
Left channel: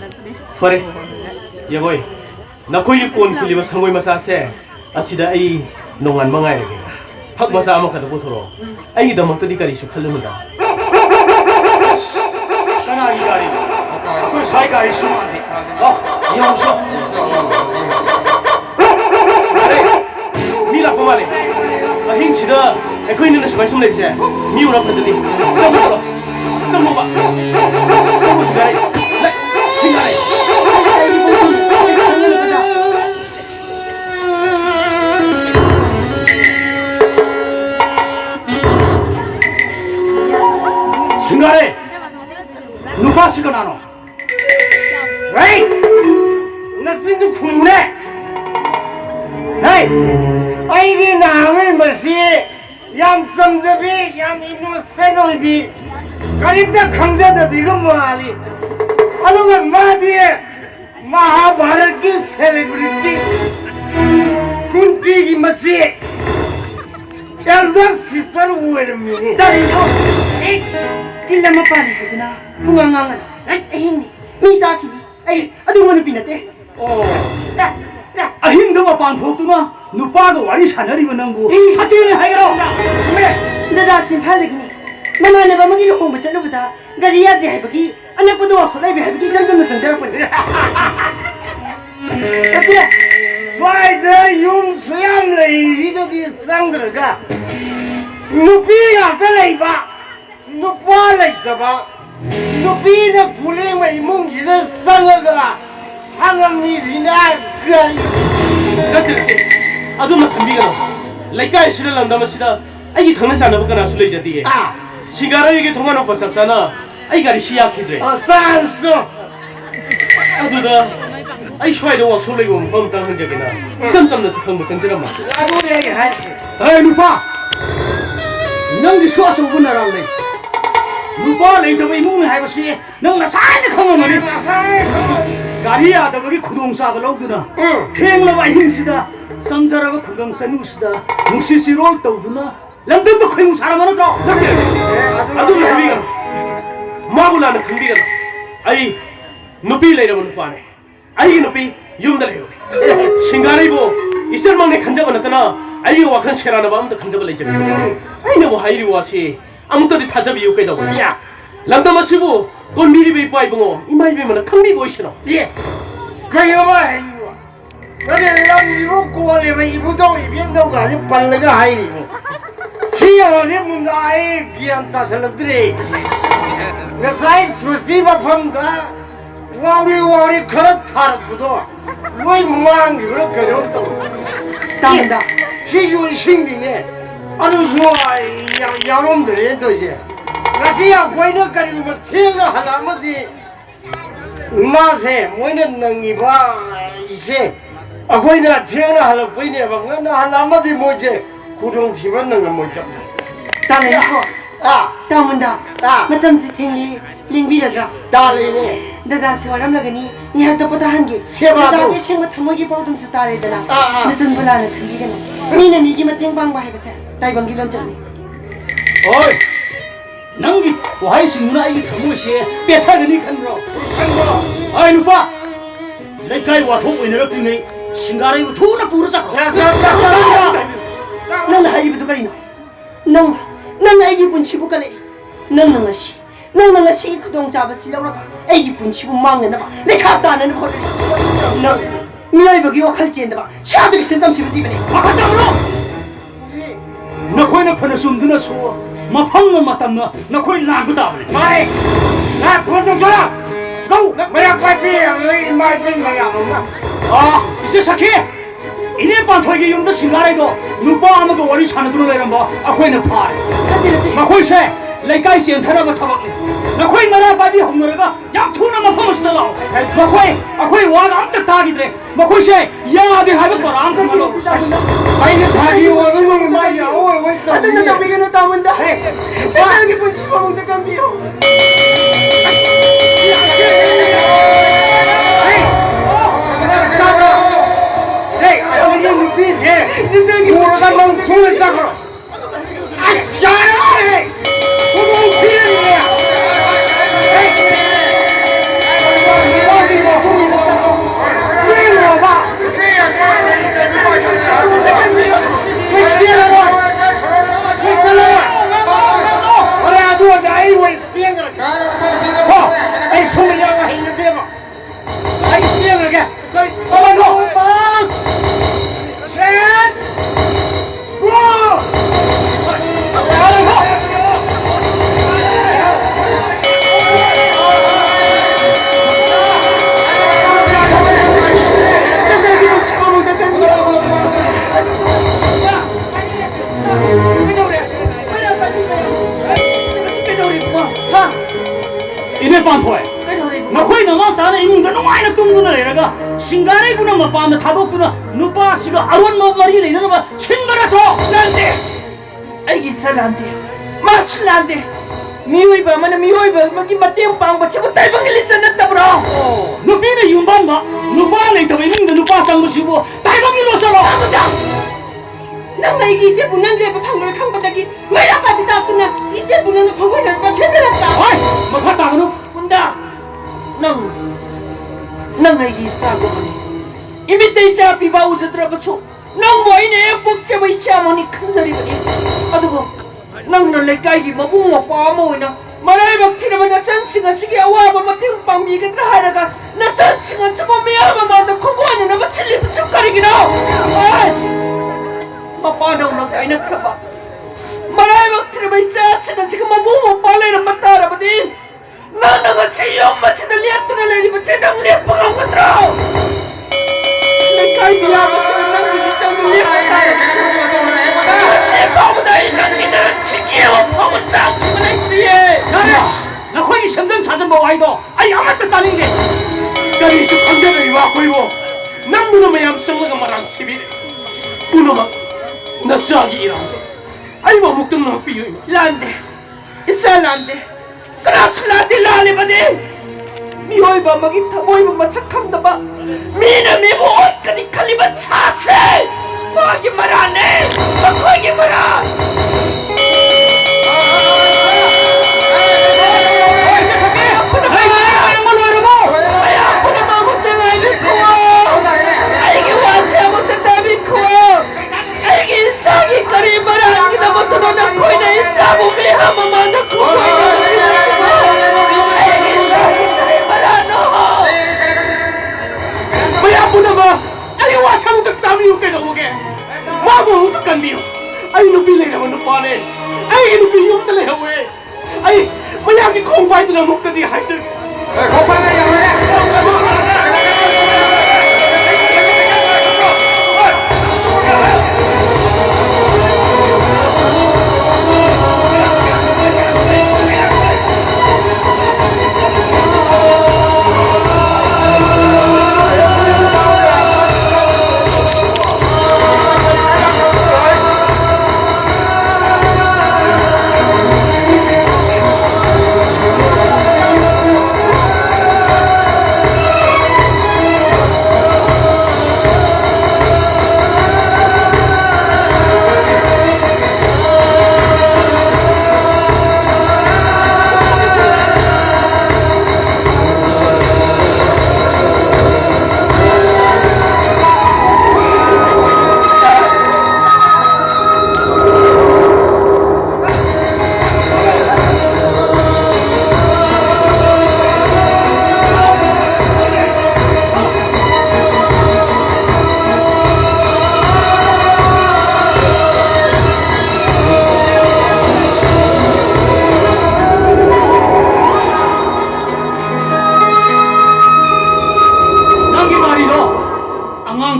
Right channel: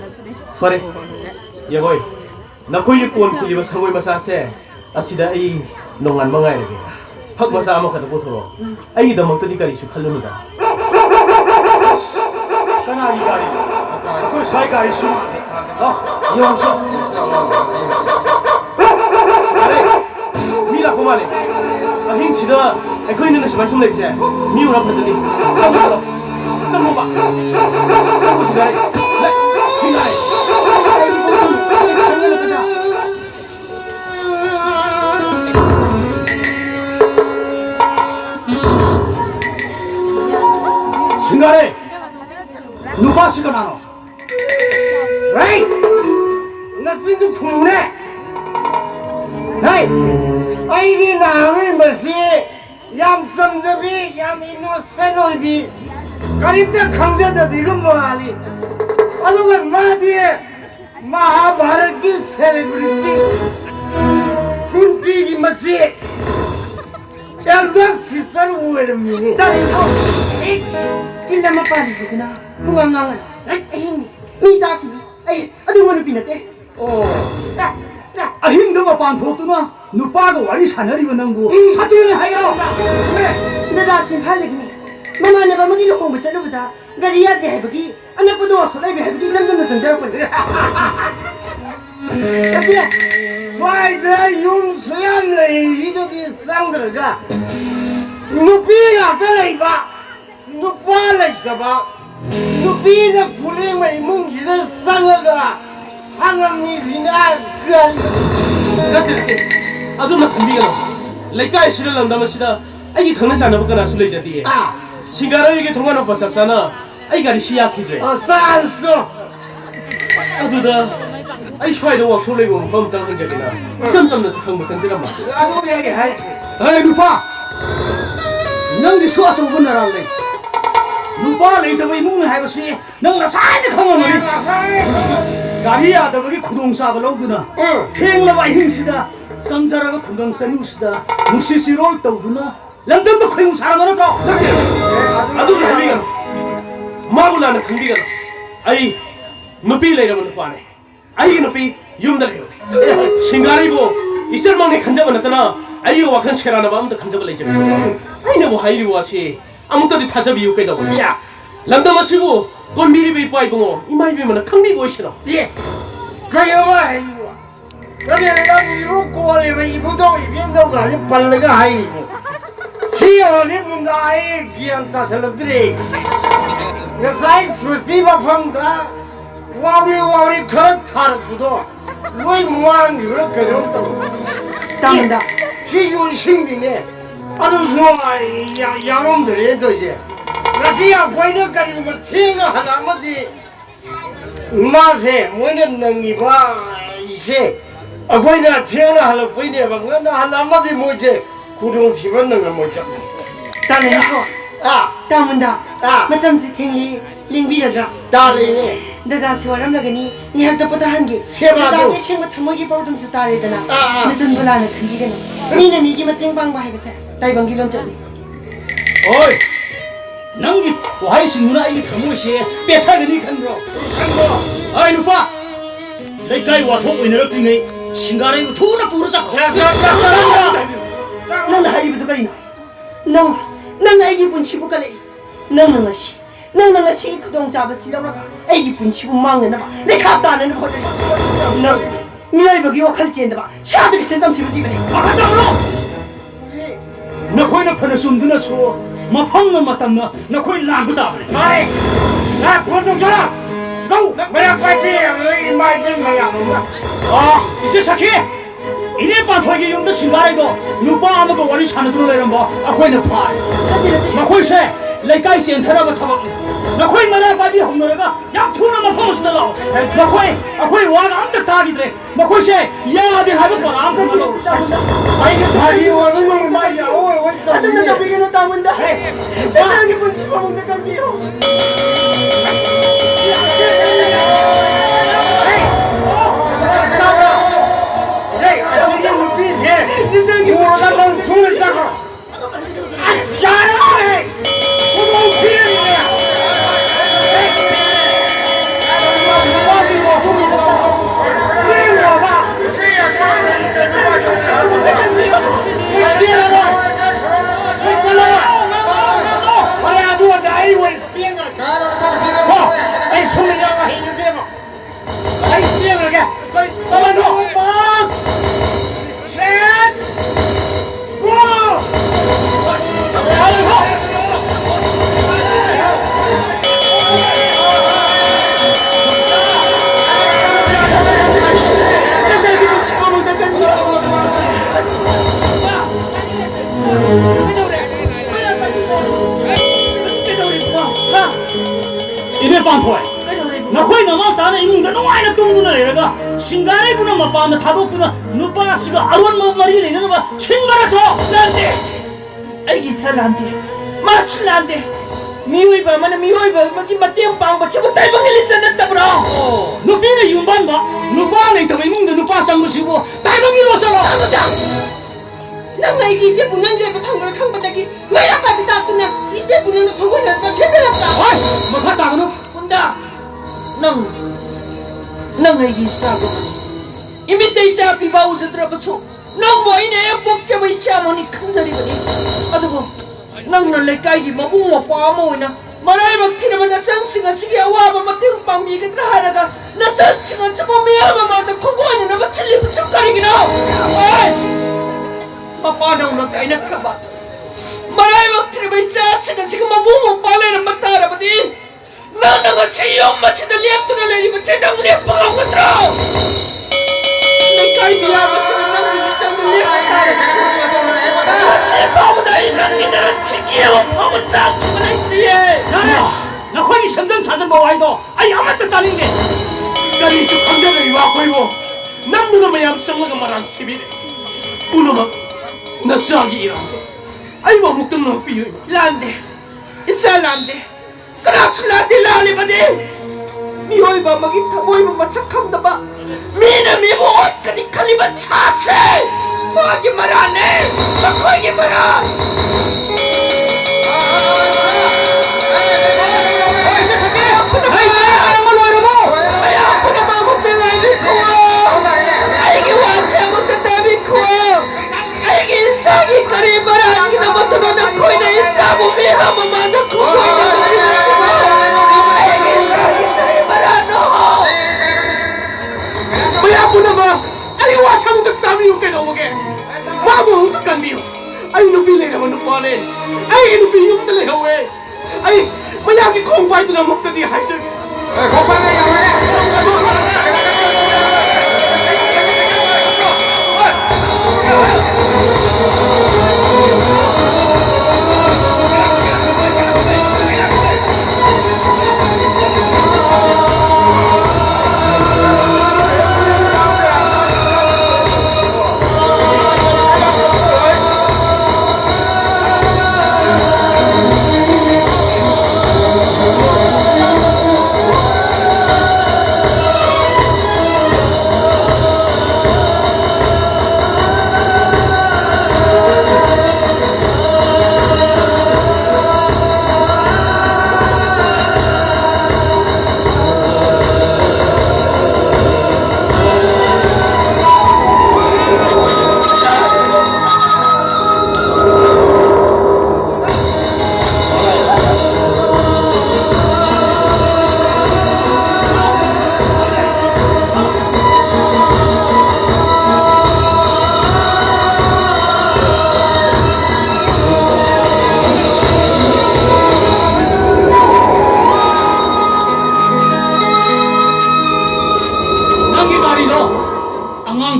fare yagoi nakhoigi kon khiliba sangoi masa se asida ai nongan mangai rege phak masa ama khada bothoro ai damakta di karisu khallunuda kanagi gari ko sai gari sumade yongso are mila komale ahin sida ekhoini na sumai sumle je mi ura phatali samu ba samu sigare sigare singare nuka sikanano Hey! Nasindu phumne. Hey! Aidi nawe masi yam samjabi yam innocent oidi. Karimta khamjada bigam mali. Aduga madi Mahabharat ki celebrity. ꯅꯨꯡꯇꯤꯒꯤ ꯃꯁꯤ elder sister ꯑꯣꯏꯔꯝꯃꯤꯅꯤ ꯆꯤꯟ ꯑꯃ ꯄꯥꯜꯂꯤ ꯍꯥꯏꯗꯨꯅ ꯄꯨꯡꯉꯥꯡ ꯉꯥꯡꯒꯅꯨ ꯑꯍꯤꯡꯅꯤ ꯃꯤ ꯇꯥꯈꯤꯅꯤ ꯑꯩ ꯑꯗꯨꯒꯨꯝꯕ ꯅꯨꯄꯤ ꯅꯠꯇꯦ ꯑꯍꯤꯡꯗ ꯃꯄꯥꯟ ꯊꯣꯛꯇꯨꯅ ꯅꯨꯄꯥꯒ ꯋꯥꯔꯤ ꯁꯥꯟꯅꯔꯤꯕ ꯅꯪꯕꯨ ꯁꯥꯊꯤꯅꯤ ꯍꯥꯏꯒꯔꯣ ꯗꯗꯥ ꯏꯝꯐꯥꯜꯗꯒꯤꯅꯤ ꯃꯃꯥꯟꯅꯕ ꯑꯃꯒꯤ ꯂꯨꯍꯣꯡꯕ ꯆꯠꯂꯨꯕꯗ ꯒꯥꯔꯤ ꯌꯥꯗ꯭ꯔꯦ ꯍꯥꯏꯕꯒꯤ ꯑꯅꯛꯄꯗ ꯋꯥꯛꯁꯣꯞ ꯂꯩꯕꯦ ꯍꯥꯏꯕꯒꯤ ꯏꯆꯝ ꯆꯝꯅ ꯆꯪꯖꯔꯛꯄꯅꯤ ꯅꯠꯇꯦ ꯁ꯭ꯋꯥꯏꯗ ꯌꯨꯝ ꯁꯨꯌꯥꯝ ꯂꯩꯔꯤꯁꯤꯗꯗꯤ ꯆꯪꯗ꯭ꯔꯒ ꯅꯨꯄꯤ ꯉꯥꯛꯇ ꯂꯩꯕ ꯅꯨꯄꯥ ꯂꯩꯇꯕ ꯅꯨꯄꯤꯅ ꯈꯨꯂꯦꯡꯕ ꯏꯃꯨꯡꯁꯤꯗ ꯆꯪꯉꯒ ꯍꯪꯉꯝꯃꯤꯁꯤꯅ ꯀꯔꯤ ꯅꯠꯇꯦ ꯑꯗꯨꯃ ꯊꯝꯕꯤꯒꯅꯣ ꯂꯩꯀꯥꯏꯁꯤꯗ ꯂꯝꯗꯝ ꯑꯁꯤꯗ ꯑꯩꯒꯤ ꯈꯪꯅ ꯆꯥꯟꯅꯕ ꯀꯅꯥꯁꯨ ꯂꯩꯖꯗꯦ ꯁꯤꯡꯒꯥꯔꯩꯒꯤ ꯊꯣꯡꯒꯥꯟ ꯃꯄꯥ ꯆꯞ ꯆꯥꯅ ꯑꯩ ꯒꯥꯔꯤꯁꯤ ꯌꯥꯈꯤꯗ꯭ꯔꯦ ꯆꯥꯟꯁꯇꯣ ꯑꯗꯨꯗ ꯑꯩ ꯁ꯭ꯋꯥꯏꯗ ꯋꯥꯛꯁꯣꯞ ꯂꯩꯕ ꯃꯐꯝ ꯑꯃꯇꯪ ꯍꯪꯖꯒꯦꯅ ꯏꯆꯝ ꯆꯝꯅ ꯈꯪꯕ ꯆꯪꯖꯔꯝꯃ ꯑꯗꯨꯅꯦ ꯑꯩ ꯍꯥꯏꯁꯦ ꯑꯦ ꯅꯨꯄꯥ ꯅꯪꯒꯤꯁꯨ ꯑꯆꯧꯕ ꯅꯔꯥꯡ ꯂꯩ ꯅꯨꯄꯥ ꯂꯩꯇꯕ ꯏꯃꯨꯡꯅꯤ ꯍꯥꯏꯕꯁꯤ ꯅꯪ ꯉꯁꯥꯏꯅ ꯈꯪꯉꯝꯃꯅꯤ ꯒꯥꯔꯤ ꯌꯥꯗꯕꯒꯤ ꯈꯨꯗꯣꯡꯆꯥꯕ ꯂꯧꯗꯨꯅ ꯊꯦꯡꯂꯕ ꯑꯍꯤꯡꯁꯤꯗ ꯆꯪꯖꯔꯕ ꯈꯨꯡꯒꯪ ꯆꯅꯨꯁꯤꯗ ꯅꯨꯡꯁꯤ ꯆꯤꯔꯣꯜ ꯇꯧꯗꯨꯅ ꯂꯝꯗꯝꯗ ꯈꯣꯏꯃꯨ ꯁꯥꯔꯝꯕ ꯅꯠꯇ꯭ꯔꯣ ꯑꯗꯨꯝ ꯍꯥꯏꯕꯤꯒꯅꯨ ꯃꯥꯕꯨ ꯂꯥꯟꯅ ꯈꯟꯕꯤꯒꯅꯨ ꯑꯩ ꯅꯨꯄꯤ ꯂꯩꯔꯕ ꯅꯨꯄꯥꯅꯤ ꯑꯩꯒꯤ ꯅꯨꯄꯤ ꯌꯨꯝꯗ ꯂꯩꯍꯧꯔꯤ ꯁꯤꯡꯒꯥꯔꯩꯕꯨ ꯏꯆꯜꯃꯛꯅꯤ ꯈꯟꯖꯕ ꯅꯠꯇꯅ ꯑꯩꯒꯤ ꯋꯥꯈꯜ ꯁꯦꯔꯥꯟꯅꯕ ꯑꯝꯇ ꯈꯟꯖꯕ ꯂꯩꯖꯗꯦ ꯑꯩꯅꯕꯨ ꯍꯥꯏꯔꯤꯕ ꯋꯥꯁꯤ ꯑꯃꯨꯛꯇꯗꯤ ꯊꯥꯖꯕꯤꯌꯨ ꯀꯩꯗꯧꯕꯅꯤ ꯂꯝꯗꯝ ꯑꯁꯤꯕꯨ ꯀꯣꯟꯕꯤꯔꯤꯕ ꯏꯄꯥ ꯏꯕꯨꯡꯉꯣ ꯏꯃꯥ ꯏꯕꯦꯝꯃꯅ ꯈꯪꯕꯤꯕ ꯑꯣꯏꯁꯤꯔꯣ ꯀꯩꯅꯣꯕ ꯍꯥꯏꯔꯤꯕ ꯅꯪꯒꯤ ꯂꯝꯁꯤꯕꯨ ꯀꯣꯜꯂꯤꯕ ꯏꯕꯨꯙꯧ ꯏꯕꯦꯟꯗꯧꯒꯁꯤ ꯄꯜꯂꯒ ꯍꯥꯏꯔꯤꯕ ꯁꯤ ꯌꯧꯔꯗꯤ ꯃꯨꯟꯗ ꯑꯩ ꯒ꯭ꯌꯥꯟ ꯇꯥꯁꯜꯂꯛꯇ꯭ꯔꯦ ꯉꯁꯥꯏ ꯁ꯭ꯋꯁꯇꯤ ꯃꯐꯝꯗ ꯋꯥꯎꯔꯤ ꯈꯔ ꯊꯥꯔꯛꯄꯗꯣ ꯂꯣꯏ ꯃꯥꯡꯈꯤꯕ꯭ꯔꯥ ꯀꯩꯅꯣꯝ ꯇꯧ ꯇꯥꯃꯟꯗ ꯁꯤꯁꯨ ꯏꯁꯤꯡꯅꯤꯅꯦ ꯑꯗꯨꯁꯨ ꯌꯥꯎꯔꯝꯗ꯭ꯔꯦ ꯇꯧꯔꯤꯁꯦ ꯉꯁꯤ ꯑꯩꯈꯣꯏꯅ ꯀꯔꯤꯒꯨꯝꯕ ꯊꯦꯡꯅ ꯍꯜꯂꯛꯑꯃꯗꯤ ꯃꯥꯁꯦ ꯃꯣꯏꯅ ꯅꯪꯉꯤꯕ ꯏꯁꯦ ꯑꯩꯈꯣꯏꯅ ꯊꯦꯡꯅ ꯍꯜꯂꯛꯄꯩꯅꯦꯕ ꯉꯟꯅ ꯍꯜꯂꯛꯑꯃꯗꯤ ꯃꯣꯏꯁꯦ ꯈꯨꯗꯣꯡꯊꯤꯕ ꯅꯪꯉꯝꯃꯣꯏꯗꯕ ꯇꯥꯃꯟꯗꯀꯣ ꯇꯥꯃꯟꯗ ꯃꯇꯝꯁꯤ ꯊꯦꯡꯂꯤ ꯂꯦꯡꯕꯤꯔꯗ꯭ꯔꯥ ꯇꯥꯔꯤꯅꯦ ꯗꯗꯥꯁꯤ ꯋꯥꯔꯝꯂꯒꯅꯤ ꯉꯥꯏꯍꯥꯛꯇ ꯄꯣꯊꯥꯍꯟꯒꯦ ꯗꯗꯥꯒꯤ ꯑꯁꯦꯡꯕ ꯊꯃꯣꯏꯒꯤ ꯄꯥꯎꯗꯝꯁꯨ ꯇꯥꯔꯦꯗꯅ ꯅꯆꯟꯕꯨ ꯂꯥꯟꯅ ꯈꯟꯕꯤꯒꯅꯨ ꯃꯤꯅ ꯃꯤꯒꯤ ꯃꯇꯦꯡ ꯄꯥꯡꯕ ꯍꯥꯏꯕꯁꯦ ꯇꯥꯏꯕꯪꯒꯤ ꯂꯣꯟꯆꯠꯅꯤ ꯍꯣꯏ ꯅꯪꯒꯤ ꯋꯥꯍꯩꯁꯤꯡꯗꯨꯅ ꯑꯩꯒꯤ ꯊꯃꯣꯏꯁꯦ ꯄꯦꯊꯒꯅꯤ ꯈꯟꯕ꯭ꯔꯣ ꯑꯩ ꯅꯨꯄꯥ ꯂꯩꯀꯥꯏ ꯋꯥꯊꯣꯛ ꯑꯣꯏꯅꯔꯛꯇ꯭ꯔꯤꯉꯩ ꯁꯤꯡꯒꯥꯔꯩꯕꯨ ꯊꯨꯅ ꯄꯨꯔ ꯆꯠꯈ꯭ꯔꯣ ꯅꯪꯅ ꯍꯥꯏꯔꯤꯕꯗꯨ ꯀꯔꯤꯅꯣ ꯅꯪꯅ ꯑꯩꯒꯤ ꯄꯨꯟꯁꯤꯕꯨ ꯀꯜꯂꯛꯏ ꯅꯪꯅ ꯉꯁꯤꯒꯤ ꯈꯨꯗꯣꯡꯆꯥꯕꯁꯤ ꯂꯧꯔꯒ ꯑꯩꯒꯤ ꯄꯨꯟꯁꯤꯕꯨ ꯃꯥꯡꯅꯅꯕ ꯂꯩꯈꯥ ꯇꯥꯅꯅꯕ ꯍꯣꯠꯅꯔꯤ ꯅꯪ ꯃꯤꯑꯣꯏꯕꯒꯤ ꯋꯥꯈꯜ ꯆꯦꯟꯗꯕ ꯁꯥꯗꯒꯤ ꯁꯦꯟꯗꯝꯁꯤꯕꯨ ꯊꯤꯕꯅꯤ ꯅꯈꯣꯏꯅ ꯐꯅ ꯆꯨꯝꯗꯨꯅꯁꯨ ꯃꯐꯝꯅ ꯃꯇꯝꯅ ꯅꯈꯣꯏ ꯂꯥꯟꯕ ꯇꯥꯕꯅꯤ 이제 사키 이래 반토기 용도 신가래도 누빠 아무도 와리 사는 들어 내는 거 아코이는 파 마코이세 레카이 센터라고 타고 나코이 마라 바디 홍노래가 양투나 마포스다로 아코이 와 암적 다기들에 마코이세 야데 하는 거라 암적 걸로 아이는 다기 와는 말이야 왜 아들나 나비게는 따문다 세상에 본치고 먹는 감기요 이래 반토에 너코이 너가 사는 이문가 너와이나 뚱구나 이래가 신가래 부는 마빠나 다독구나 누빠시가 아론 마마리 내는 거 신가라서 난데 아이 살란데 마슬란데 미워이바 만은 미워이바 뭐기 맞대응 빵바 치고 딸방에 리스 났다브라 누피는 윤반다 누파는 더 있는데 누파 상부시고 딸방이 놓잖아 나 왜기 이제 문난데도 방을 칸바닥이 왜라 빠비다 끝나 이제 문난도 보고 있는데 제대로다 어이 뭐 갔다 그노 혼다 넌 애기 싸고 이미 때이자 비바 우즈들어봐서 넌 뭐이네 복잡을 있지 않으니 큰 소리더니 아두고 넌 내 까이기 뭐 붕어 빠모이나 말할 막 티르면 나 전싱아 시기 와봐 막 땡빵 미게 다 하다가 나 전싱아 조금 미야마 마도 코고하니 나가 칠리부 쑥가리기나 마빠는 너 까이나 펴봐 말할 막 티르면 이자 시가 뭐 붕어 빠레는 막 따라보니 나나가 세영 마치다 랩들을 내리면 제당 랩 먹은 것들아 내 까이기 야마 치는 난 일장들 랩 제바보다 인간이들은 지키고 먹은 짱구나 있지에 나 거기 심장 찾아 뭐 와이도 아이 아무것도 따는 게 까리 시 관계를 와 보이고 남들은 매ям 성나가 말한 시비 우노마 나 싸기 이랑 아이 뭐 먹던 놈 삐요 란데 이살란데 그랍슬라데 라레바데 미워이바 먹이 타보이면 마착함다바 미는 미보 옷까지 칼리바 차세 뭐하기 말아 안해 뭐하기 말아 Ay, no pili naman ng pare. Ay, inupiyong talaga, we. Ay, mayagi kong ba ito na mukta di Heiser.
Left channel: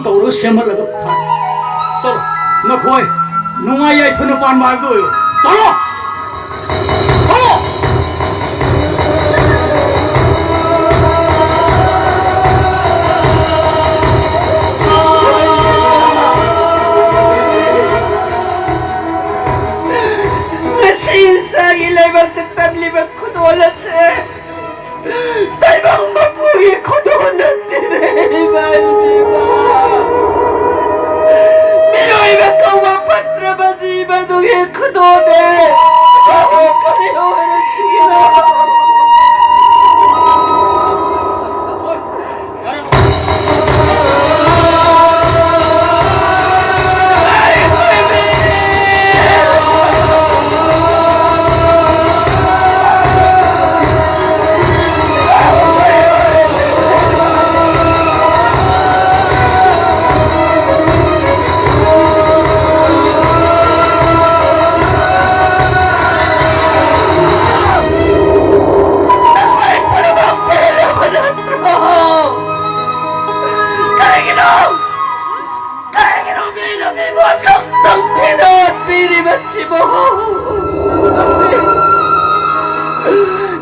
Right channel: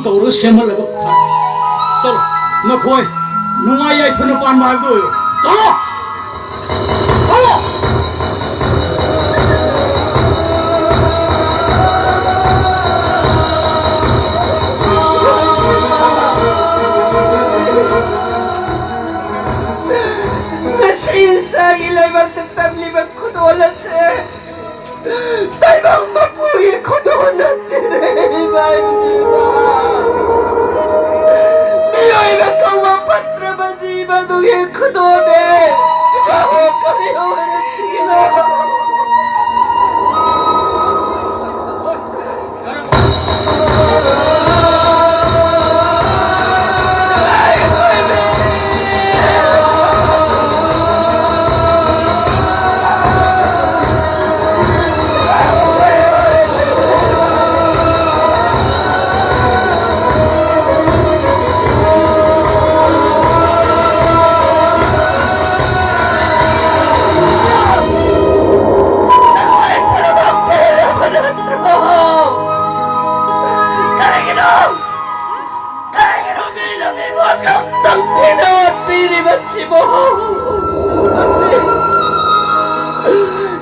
Toro semal laga pha. Chalo, na khoi. Nongma yai phano pan mar do yo. Chalo. Chalo. Nasisa ilay magtatabli magkudolan se. Taibang mapugi kudolan dire balmiwa. Miyoy magkawapatra basiba dugi kudone. Bawo kami hoy sigila.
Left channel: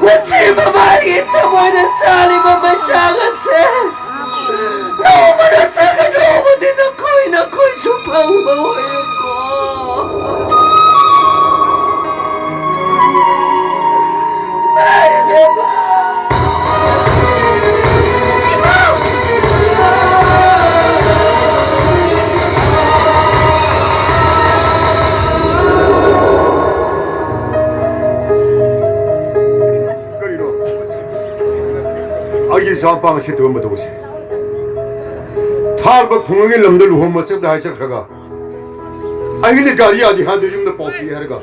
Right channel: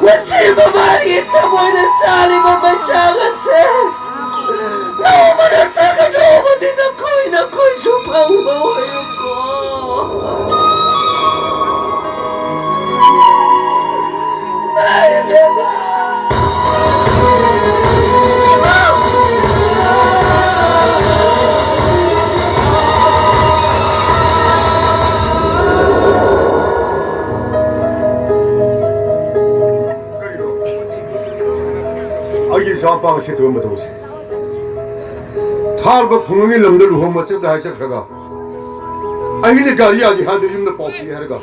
Nasib bagi temu dan saling membacakan sen. Nongma datang nongma tidak koi supang bawa 사업방 시도한 것도 보세요. 탈과 풍경의 놈들 후원 좀 하자 그가. 아니 가리 아직 한들 힘들 뽑기 하러가.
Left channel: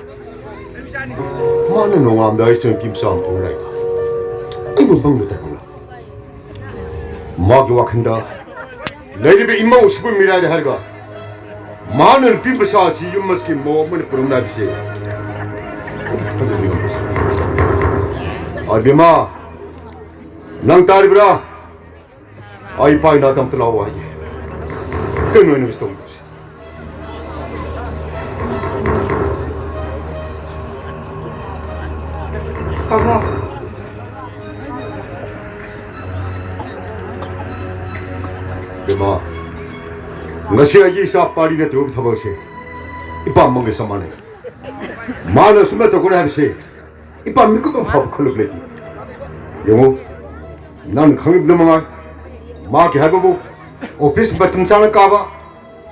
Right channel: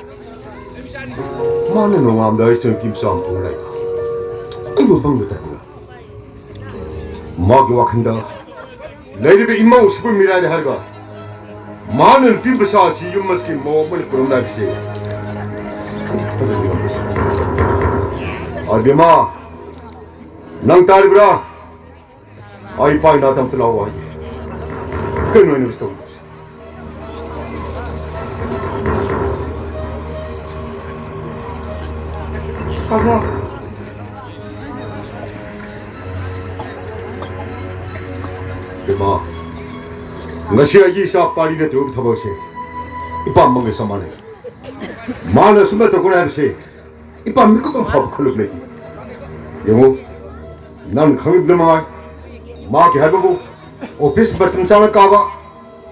많은 농암 나이스 김싸움 보라이다. 이거 방금 됐구나. 마기 와칸다. 내집에 임마 50분 미라리 하러가. 많은 빈부사시 윤머스키 몸을 부름나비세. 아비마 nang tari bra ay pa natam tulaw ay kano ni gusto mo Papa, bima ngasi aji sa pari na tuwag tabag se ipa mga samana mana sumata ko na se ipa mikot ang pabkulog lagi yung 난 강입들만 마기 해보고 오피스 같은 사람 까봐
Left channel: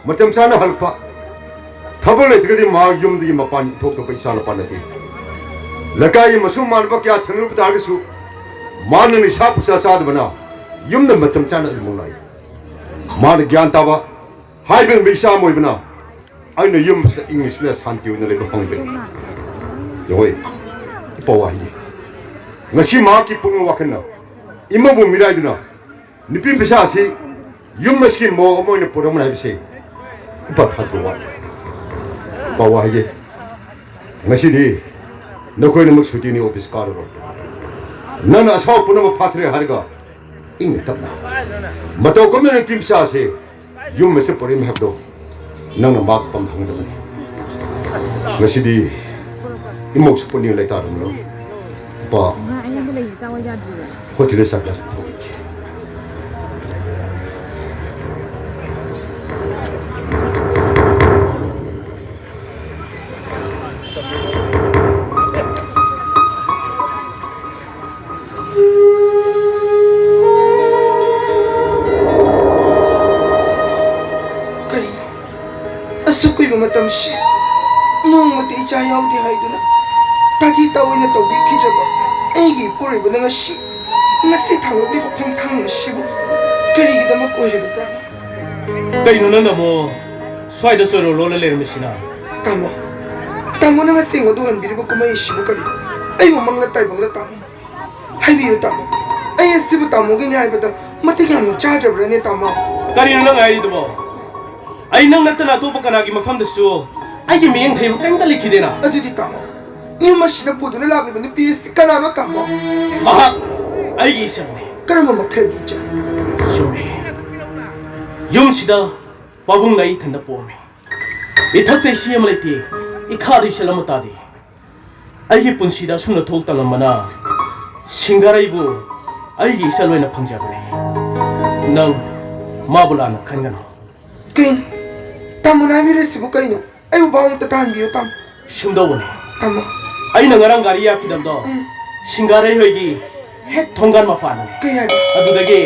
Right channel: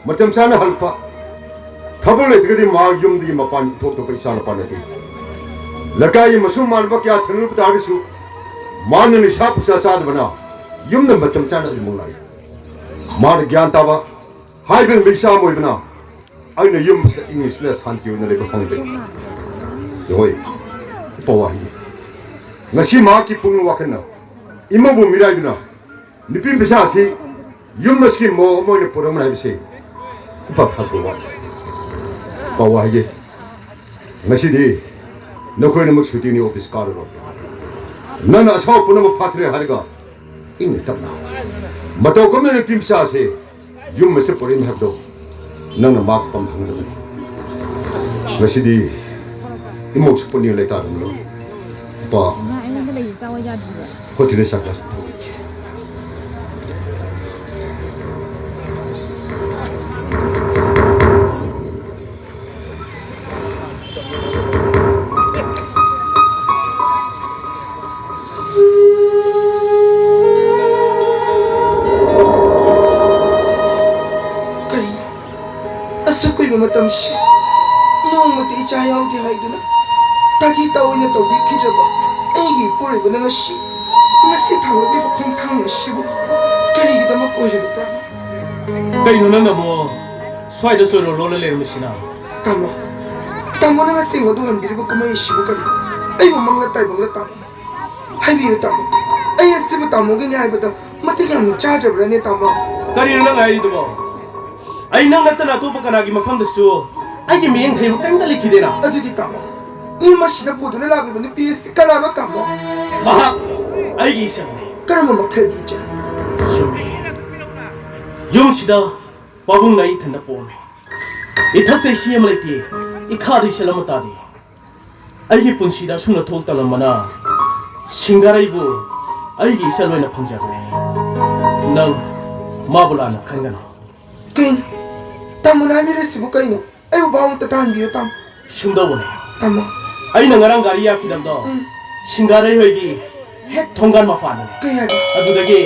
맞점 사는 할까 더블에 되게 막 좀들이 막반 독도 있잖아 반에게 내가이 무슨 말밖에 안 들을부터 알겠어 많은 샤프사 사드거나 юм는 맞점 사는 몰라요 말 기안타봐 하이병 미샤 모이구나 아니 юм 잉글리시에 산티 오늘 이거 홍이들 여기 뽀와 이게 ngasi 마기 뿡이 와겠나 imam bu miradina nipim bisa si yum meski mo ni program na bisi ipa phato wa bawa ye ngasi di nokoi ni maksuti ni office kar ro nana sa puno phatre harga ing tapna mato ko ni pim sa se yum mese program habdo nana mak pam thang de ngasi di imok sponi le tar no pa 호텔에 살았어. karina. Asukoy ba matamshi? Nongma ti icha yaudi haiduna. Tati tawin na tawdi kijaba. Aygi puri ba nga shi? ngasi thang ni ba khong thang shi bu. Kari gi dama koi re sa. Kari no na mo swai da so lo le le machina. Tamo. Tamo na ngasi ngodo han bi ba kamai shi bu kari. Ai mo mangla tai bangla tamo. Hai bi yu tamo. Ai esti bu tamo gi ni hai ba da mate gi ham cha ja bra ne tamo. Kari no na ngai du mo. Ai nang na ta na to pa kana gi mafam da su. Ai gi meng thai ba kang da likhi de na. Adu di tamo. Ni ma shi da pu du la gi ba ni pi si kana no tamo. Ma ai gi sang Kara ma makhai du cha. yung sida wabung nai thanda pome ithakte siam laiti ikhadi salamata di aigi punsida sumna thok tanamana singarai bu aigi salwena phangjagre nang mabula na khangana Kain. Tamo na mi re si bu kaino. Ai bu ba ta tan bi tam. sumdawone Tamo. aina ngarang gari yakidamdo singarai hoigi hek thongan mafana Kaya di. adudagi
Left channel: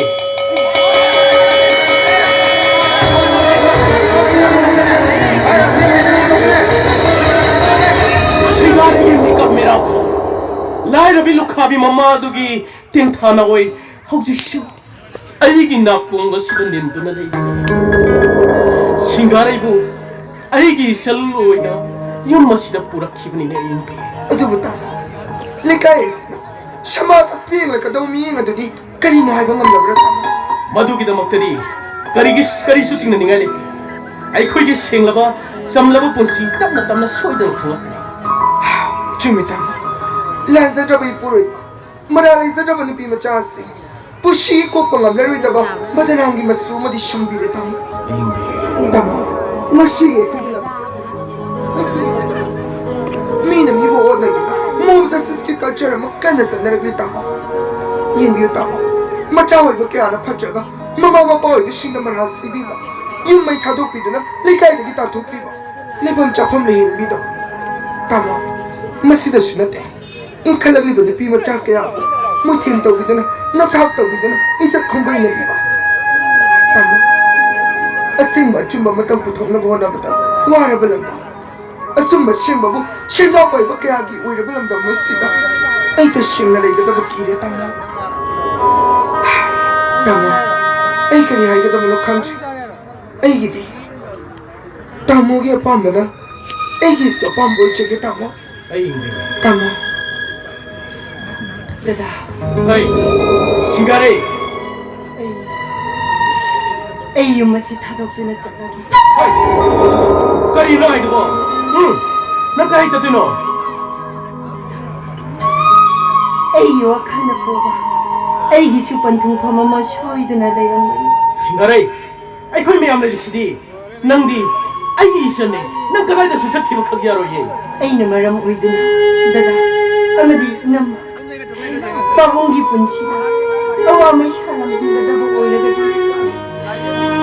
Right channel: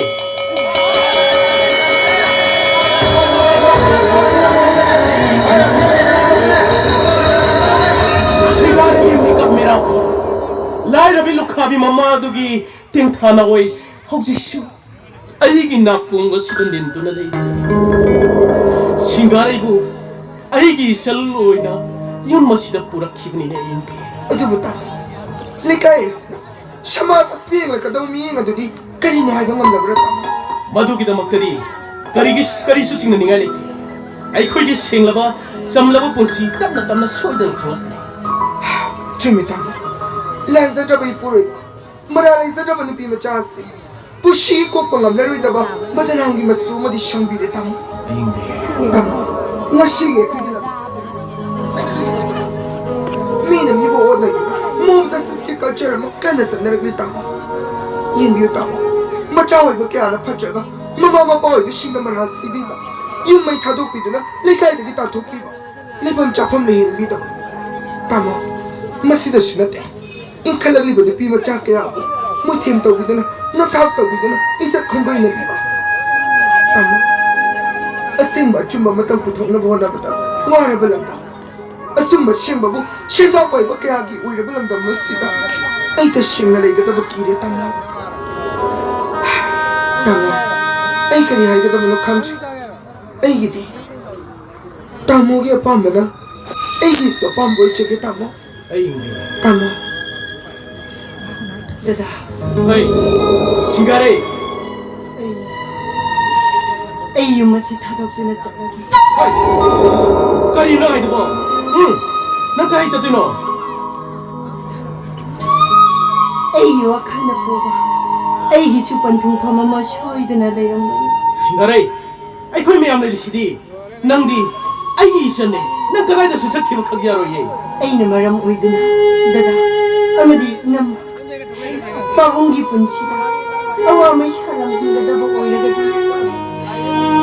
Lai rabi lukhabi mama dugi ting thana oi haujisu aigi nakung sidan din tuna dei singarai bu aigi sal oina yam masida pura khibni ne impi Adu bu tam. Le kai is. Shama sa sling la kadau mi ngadu di kari na hai bangam labra tam. madugi da maktari kari su singna ningai leti ai khoi gi senglaba samlaba pursi tamna soidan khawakne Chumi tam. Lan sa jabai puri. Maralai sa jabai ni pi ma cha si. Pushi ko pangam la ri da ba madanang gi masu ma di shimbi le tam. Tam. Ngashi ge ku la. Mi na mi bo na gi. Mom sa ski culture ma kan sa na ri tam. Yin bi tam. Ma cha hoi ba kya na pha cha ga. Ma pa hoi sing na ma na si bi ba. Yin mai tha do pi na le kai de gi ta thok pi ba. Le bam cha pham le hin bi da. Tam. Masida sunate. In kalagli ba de pi ma cha kya. Mo them to bi na na thak to bi na isa khombai na bi ba. Tam. Asim ba chum ba matam puthok na bo na ba ta. Wa ra ba lam ta. Asum ba shim ba bu shim da koi ba kya gi ui ra ba lam da masida. Ai ta shing na le da ba ki re tam. ꯑꯩ ꯀꯔꯤ ꯍꯥꯏꯒꯗꯕꯅꯣ ꯈꯪꯗ꯭ꯔꯦ ꯑꯩꯒꯤꯗꯤ ꯇꯥꯃꯣꯒꯤ ꯑꯄꯥꯝꯕꯅ ꯑꯩꯒꯤꯁꯨ ꯑꯄꯥꯝꯕ ꯑꯣꯏꯖꯒꯦ ꯇꯥꯃꯣ ꯇꯥꯃꯣ Dada, 싱가레 ay yung masithadok na tsakagi. 까리나 아이드고 난 까리 짰더노 Ay yung akal na po ba? Ay gisupan kong pamamasyoy na layong 싱가레 아이콜 미암 레리시디 낭디 아이 이셨네 난 그만다 수첩 기록하기 하러 예 ay na maram uy na. Dada, amadi nam. Pagong gipon siya. Awa mo siya lang kung dada ba uy na gadi.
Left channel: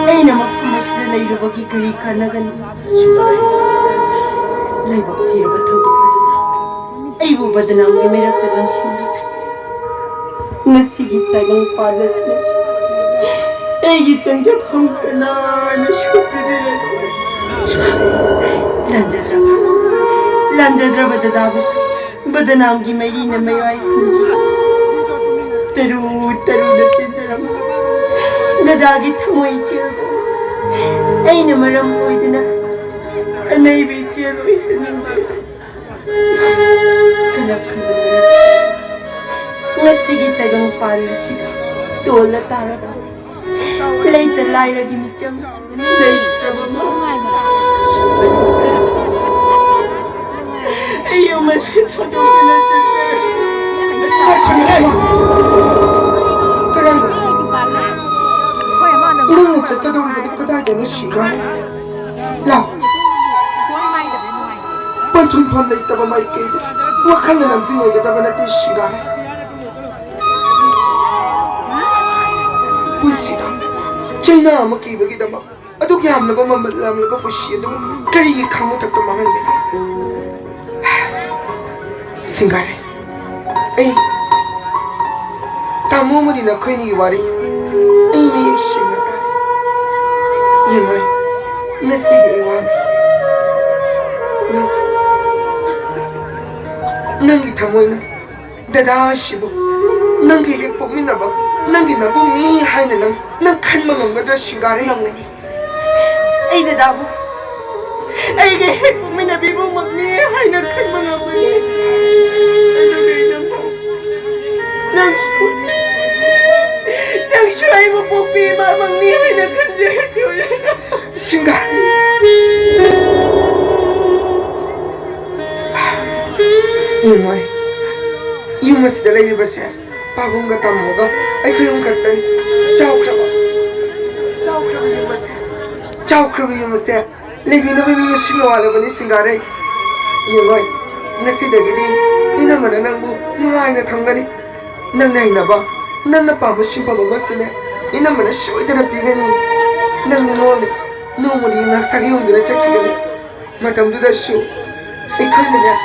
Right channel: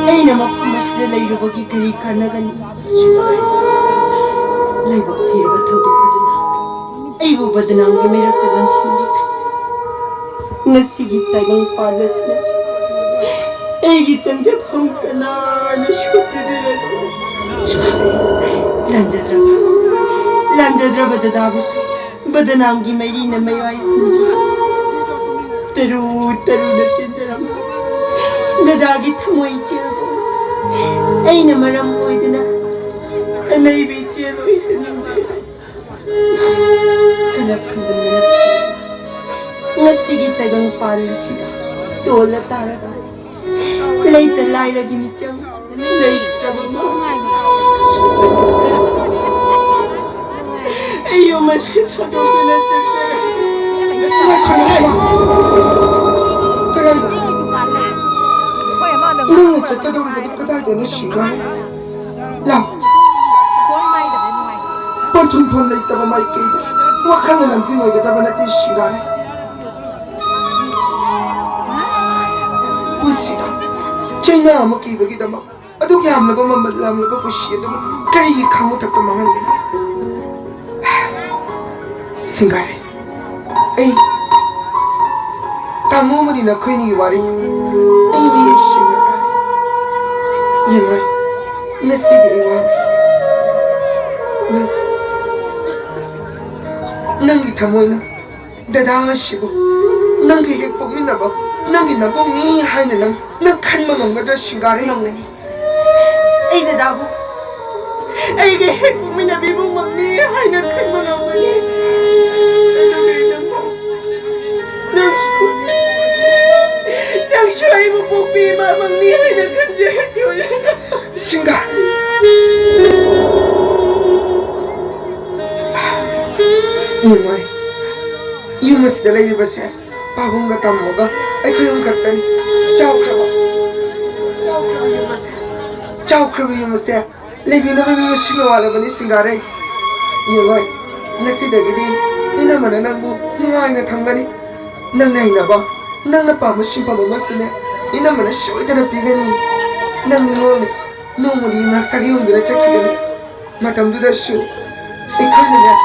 Ay na mapumas na layrubagi kay ka na gani. Laybag tira ba todo ka doon na? Ay bubad na ang umirak na lang sindi. Nasigit tayong palas na siya. Ay gitang japang ka na syupi nila doon. Lanjadra ba dadabos? Badananggi may na may ay hindi. Taru na chintaram. Nadagit mo ichilbo. Ay na marampoy din na. Anay bichilo hindi. Kanap ka ba na? Nasigit tagang pala sila. Tola tara ba? Laita laira gimityang. Laita ba mo? Ayaw masitado ka na sa sir. 너는 진짜 돌아보다 그다이 되는 시간에 야 번쩍 번레 있다가 마이케이드 wakana namsimu ikataba na tishingare wisida china amaki bagidama aduki hamlaba mamadlamlaba pushiyadu karigi khamu takta mangandina singare ei tamu madina khoini wari ei me singare yengai mesigi wari no Nangi tamoina, dada shibu, nangi hek pokmina ba, nangi nabong ni haina nang kanma nonga shingare nongani. Ay dadabu, ay hek pokmina bibong magni haina kanma nongani. Nang shuay mo pokpima magni haina kanje. Singare. Yengai, yung mas dalay ba siya? Pagong gatam mo ka, ay ko yung katan. Ciao kraba yung mas. Ciao kraba yung mas. Lebi na ba may masinawala ba ni Singare? Yengai, nasi dagidin, ina man na nang bu, nungay na tanggani. Nang nahin na ba? Nang napamusin pa mamas na, ina man na syoy na napigani. Nang nungon, nung muli nagsagi yung dina chakigani. Matamduda syo, ikaw na niya.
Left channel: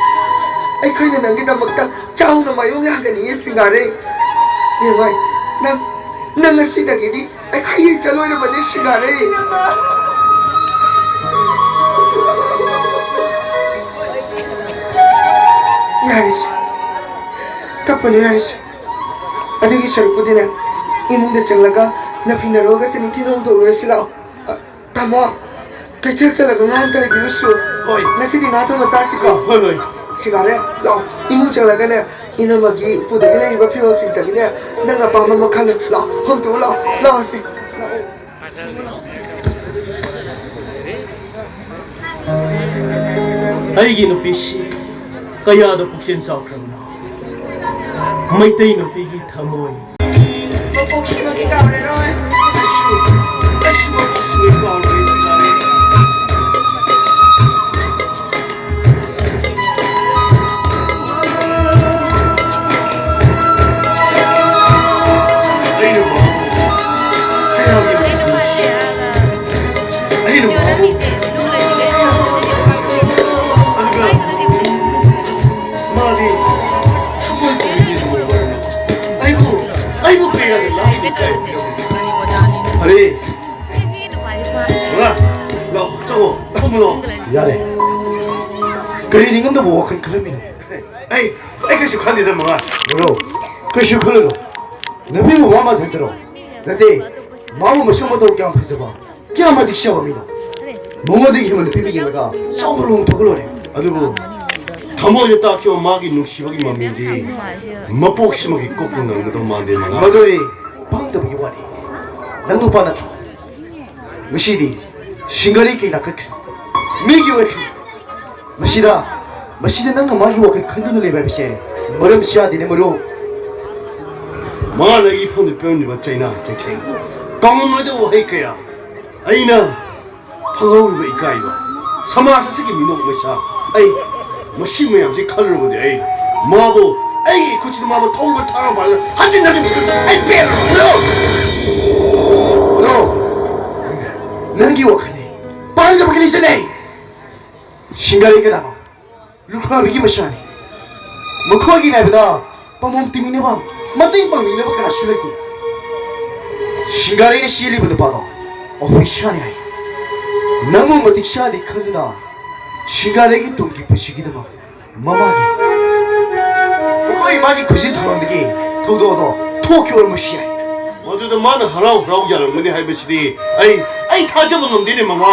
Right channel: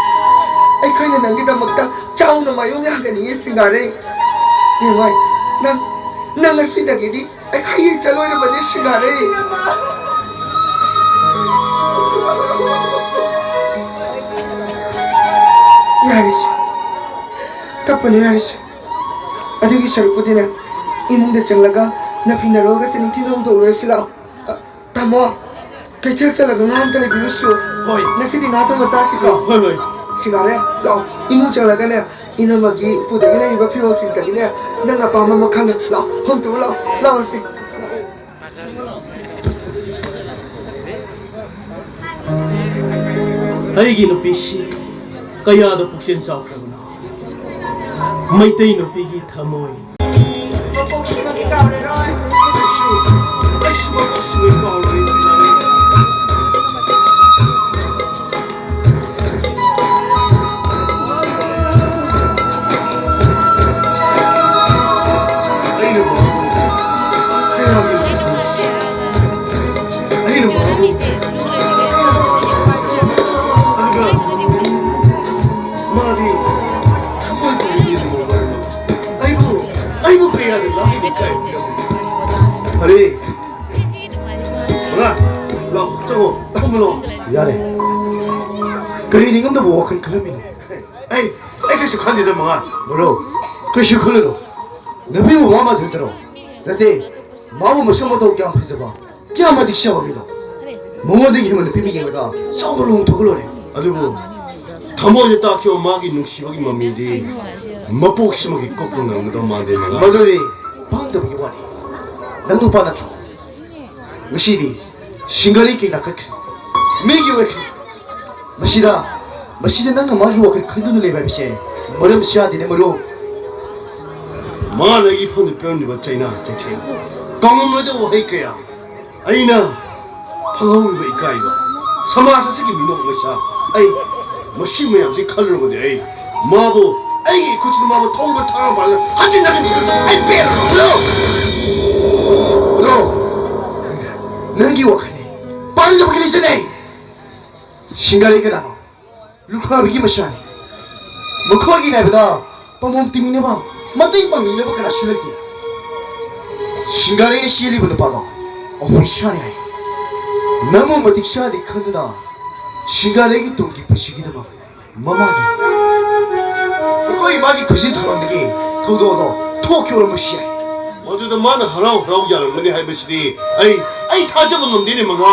Ay kaya na nanggitamagta chow na mayong yagani Singare. Yengai, nang nasidagidi ay kaya chaloy na ba ni Singare? Yaris, tapano yaris. Adugi sharupo din na imong dachanglaga na pinaroga sa nitinong dolor sila. Tamo, kay tel talaga nga ang talagiruso. Hoy, nasidi nga ito masasi ko. hoy. Singare, lao, imu chalaga na ina magi pudagi na iba piro sing tagi na nang apama mo kala, lao, honto lao si. 아이기 누피시 까야도 북신사 오크라구나 마이테이 누피기 타모이 Pagsimagi ka rin ay. 아니, 뭐야? 너 저거 한번 미안해. 그리 니금도 뭐가 큰 클럽이네. 에이, 그시 관리돼 뭐가? 뭐로? 그시 클럽. 너 비고 와마 들더러. 나한테 마음 머셔모도 그냥 벌써봐 그냥 마디 시험이나 몽어되게 하면 비비기가 싸움을 더 걸러래 아두부 담어에 딱히 엄마기 눈시박이 맘인데 맛복심하게 꺾고 나는 거 만데 마 너도이 방법이 와리 나도 받았죠 무시디 싱거리 끼나 그 미기 왜 마시다 나가 마기 와 큰돈을 내봐비세 머름 시아디네 뭐로 마라기 폰도 빼는 거 짜이나 짜이테 강원마도 와이까야 아이나 방어를 이까이바 사마사 쓰기 민노 거샤 아이 머시메야 지 칼로 보데 아이 마보 아이 고치는 마보 통을 타고 봐 한진 나게 아이 빼로 nangi wakane panja bakini sene shingare kana lukha bigi masani mukha gi na bida pamom timine ba mating pangine ba kana shilati shingare ni shili bu pada official ai nango matik shadi khadna shingare gi tumki pashigi da mama gi mukha imagi kusin tharondigi todo tokyo mushia 어제도 많은 하라고 하는 거니 하이버시디 아이 타잡은 놈들이 mga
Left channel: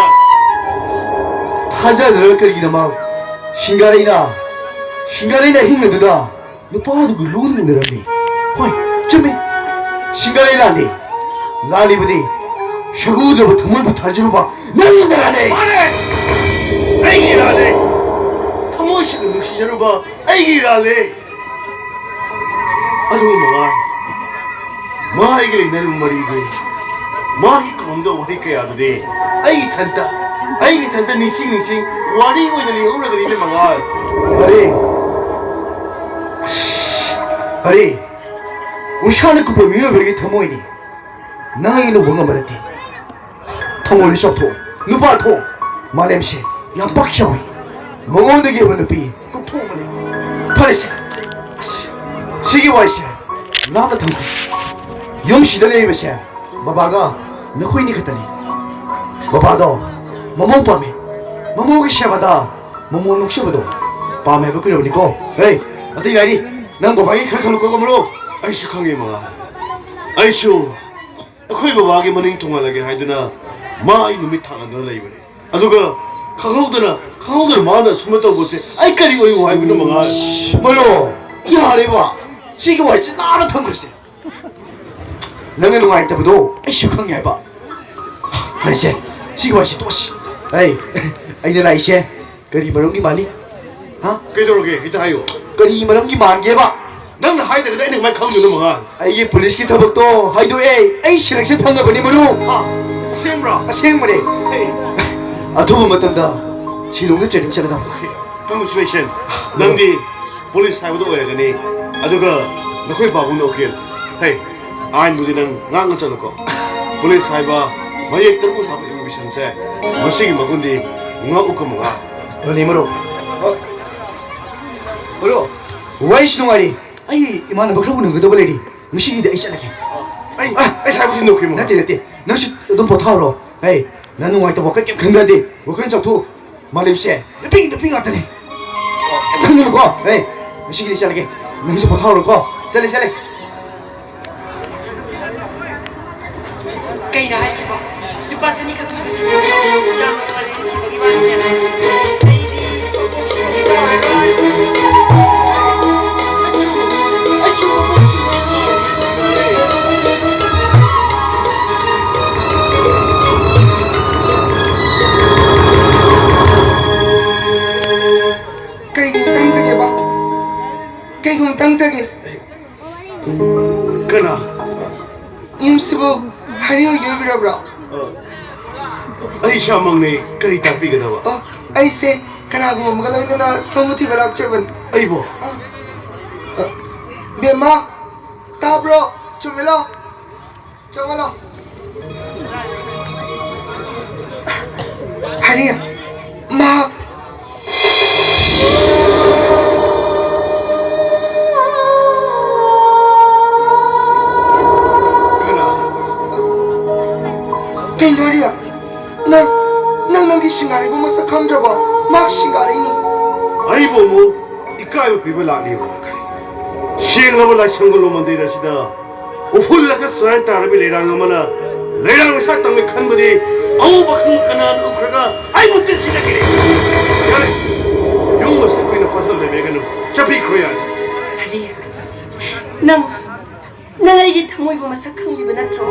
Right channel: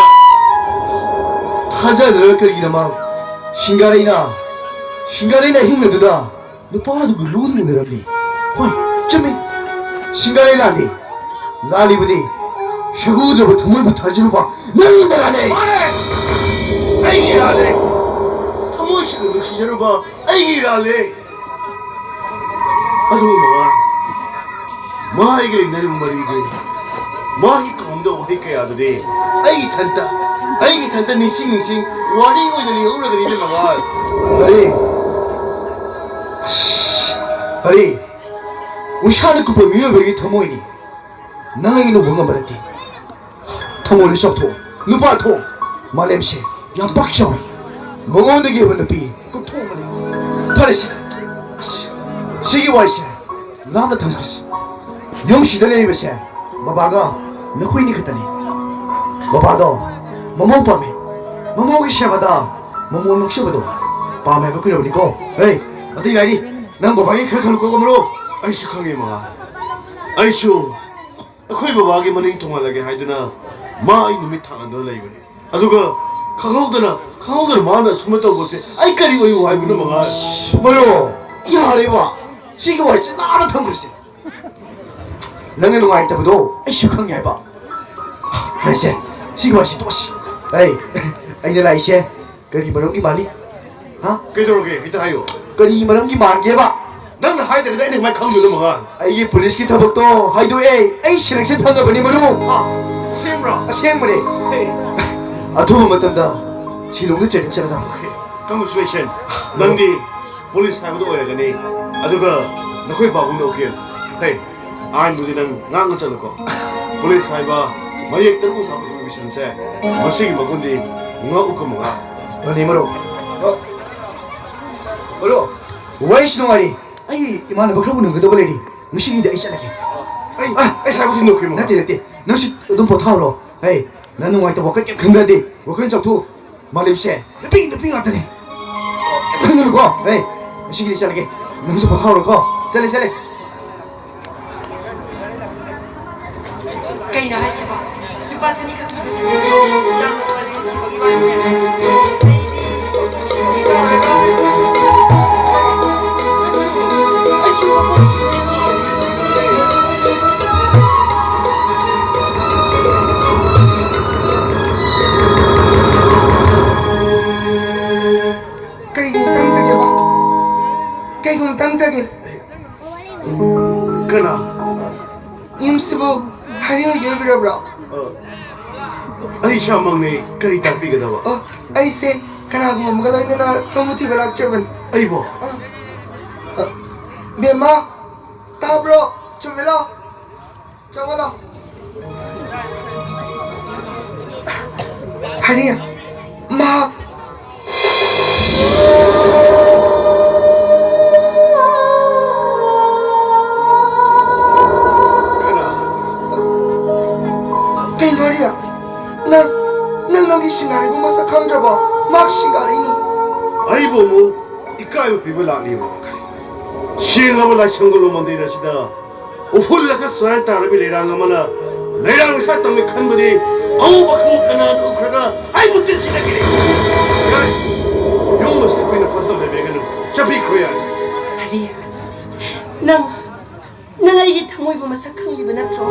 타자들 거기다만 신가리나 힘내도다 너빠도 그 로는 내라니 호이 쯤에 신가리나니 나리부디 샤구저부 tumul부 타지로봐 너는 내라네 아이기라네 타모시는 늑시자로 봐 아이기라네 아주 mga 마이게 내는 머리게 마이 공도 어디까야 되데 아이 탄다 니싱 와리 오이들이 오르그리네 mga 아리 우샤는 그 미어ber기 터모이니 나이는 뭔가 말했디 터모니 쇼토 누바토 말렘시 양박샤위 멍원되게 해본 눕비 또 통하네 파리시 시기와이시 나도 탐구시 영시대네 이베시 바바가 너코이니 같다니 바바도 모모 밤에 모모기 샤바다 모모 녹셔봐도 밤에 그 그려보니까 에이 어디 가니 난 바바기 그렇게 놓고 거물어 아이쇼 강해 mga 아이쇼 아코이 바바게 머닝 통하게 하이드나 마이 놈이 타간다 라이브네 아두가 강호들 마나 숨었다고 보세 아이까리 오이고 하이브네 mga 뭐요 야래봐 시기와이시 나도 탐구시 너는 누가 있다고도 익숙하게 해봐 그래서 시기와시 또시 에이 아이들 아이시 그리 머름기 많이 어? 그저러게 이따 하요 그리 머름기 많게 해봐 너는 하이드 그다 내가 말 강조는 mga 이게 폴리스키 타복도 하이도 에이 실행세 판다보니 뭐로 생물에 두번 맞단다 지롱도 재밌잖아 Congratulations 넌디 폴리스 하이브도 오래가니 아두가 너코이 바구나 오케이 헤이 아니 무지는 ngang chân ko police haiba mayek terbu sa mission se mosigi magundi nga ukamaga 너니 뭐로 뭐로 와이시노 말이 아이 이만한 거 그러고는 그도 벌레리 무식이다 있잖아게 ai sai 무슨 놓고 뭐 나한테 너시 돈 보타로 에이 나는 와이다 먹게 근데 뭐 그런 적도 말임시 빙 같더니 그는 거 에이 무식이 있잖아게 너시 보타로 거 셀레 kay na hasa pa lupa sa ni kakabasa sa yang walin kibagi bani kay kung tangsage kana 임스부 하려 여비라브라 ai shamangni kari tapi ga dawa 아이세 가나고 뭐가라이나 서무티 발악처분 ai bo 베마 타브로 좀밀어 정말로 하리야 마 땡겨리야 난 너기 신가리고 뭐사 감잡아 막 신가리니 ai bo mo ikai bo people la ni bo shinga bo la shangolo mandira sida uful la ka swan tar bi le ranga mala 내랑 사탕을 칸 거지 아우바 큰거나 그가 아이 못된 시작이래 용모 세포이나 파산을 매겨는 잡히 그래야 아리야, 난 아이게 타모이고 마사 강리브 나트로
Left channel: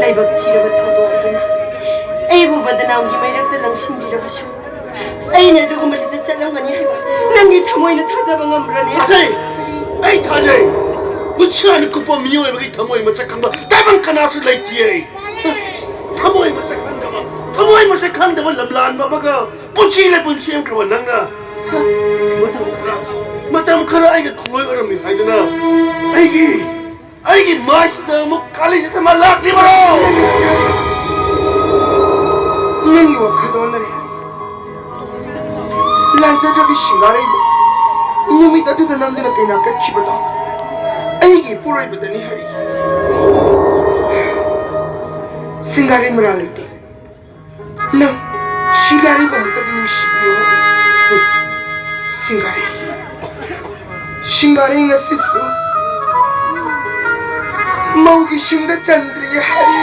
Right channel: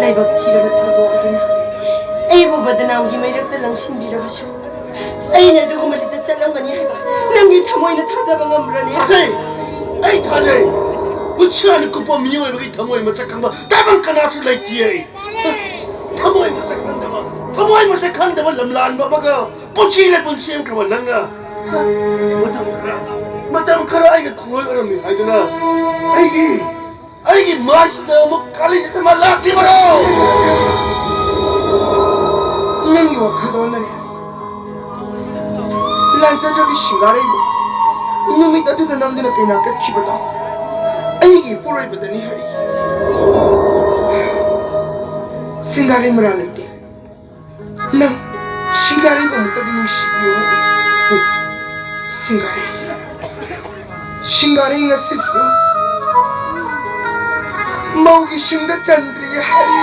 라이박 티르바 터도하드나 아이보 바드나옹기 마이락다 랑신비라하쇼 아이나 누구 말리서 잘랑가니 해봐 난게 타모이나 타자방아 물라니 아세이 아이 타자이 우치하니 kuppo miyoy bagi thamoy masakang tabang kanasu laitiye thamoy masakang daba lamlan ba maga puchi le punchim kro nanga matam khara ai ga khoi arami haidana ai gi masda mo kali se malak ni baro nani wa khado nari lansa jabi shingare mo numi tatu da namdina kaina ka khibata aigi purai badani hari singare muralite na shingare ba mutadi nu shibiyo hari singare nga sisu maugi shinga chandri hari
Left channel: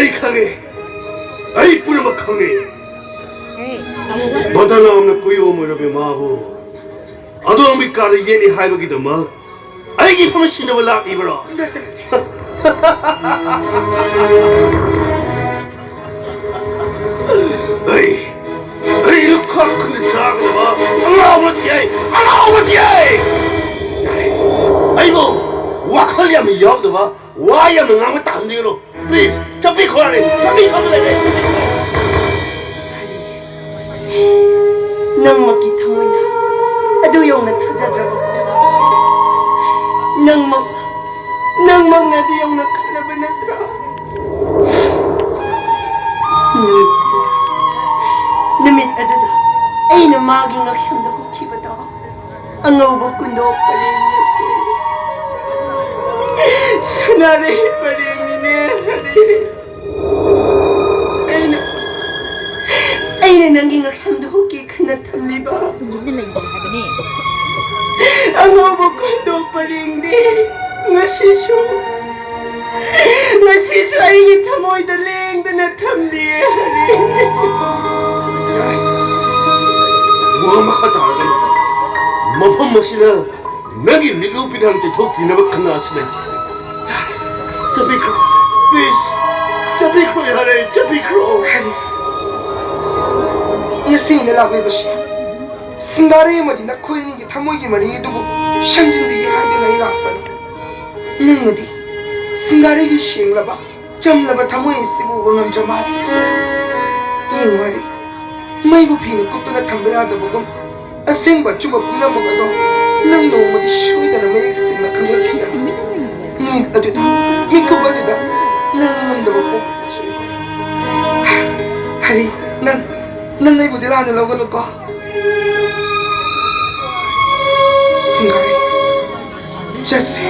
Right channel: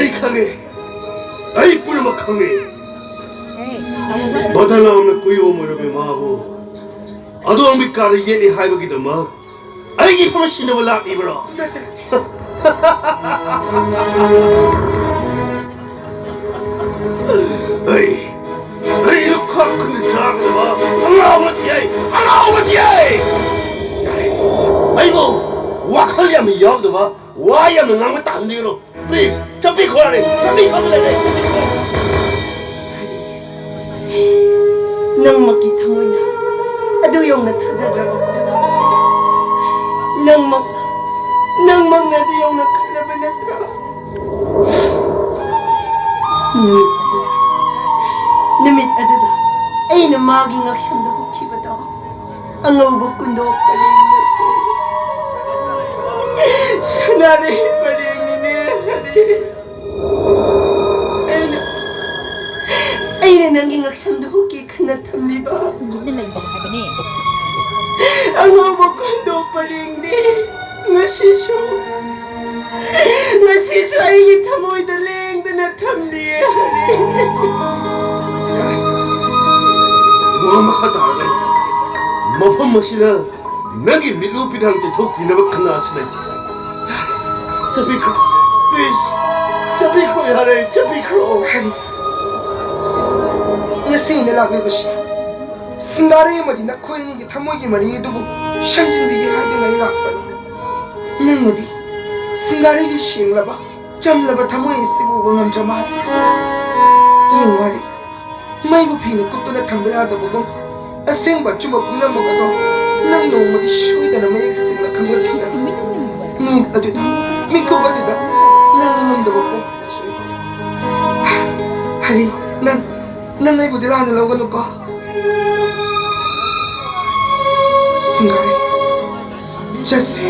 ai khange ai purma khange 너다나 없는 꾸요무르비 마부 아도 미카르 예니 하이버기도 마 아이기 포는 신을 라 이브로 에이 루카 근데 작은 마 알아오지에 아이고 와칼리아미 여도 봐 와야면 나무 담니로 please 잡히 거라네 잡히 거라네 nang makita mo na ado yung natazadraba ko nang mga ado yung nakalaban na tra namit ado da ay na maging aksyon da kukiba da ang awag kundo pa rin sanari pa rin ay na nanging aksyon da kuki kanatami ba ang awag kundo pa rin nga siso ay kita mo'y daling da natamdi 무함마카다르네 머펌 모시나 나기 미루피한테 더 비나바 끝나스네 잡히크로 please 잡히크로 야래 잡히크로 ngasi na lakni bashi singare madi na khoi ni thamoi gi mari dubu shamjin bi gi haide lai lakani ningadi singare gi shingla ba chamla ba thamoi sibu gongam jamari ingwari mai bu phine kutuna thamba ya da bugam aseng ba chuma puna mo ga do nang no mo gi shui da na mai sing na khangla thina ni adu da mi ko ba da nang da ba ko hari nang ay budila na logo ko singare jesse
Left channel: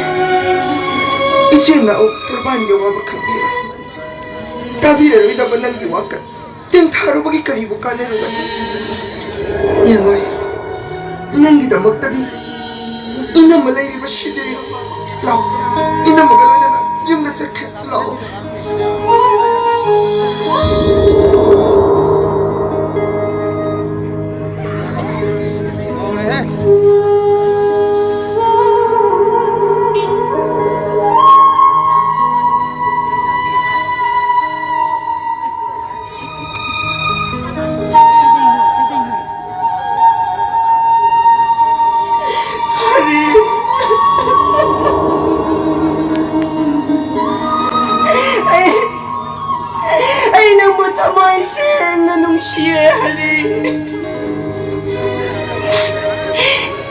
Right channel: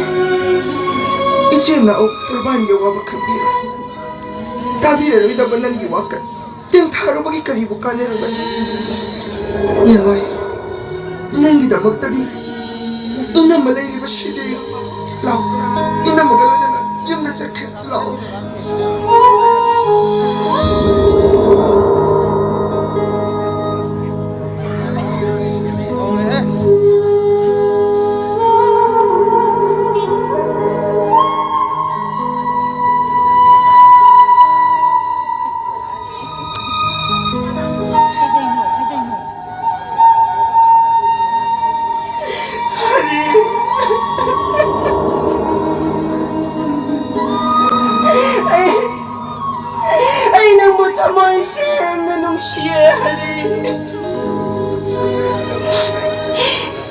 ichi na ok turban yo wa bakabira tabire ro ida banang gi waka tin tharu bagi karibu kane ro gani yenoi nang gi da moktadi ina malai ri bashide law ina magalana na yum da chekhs law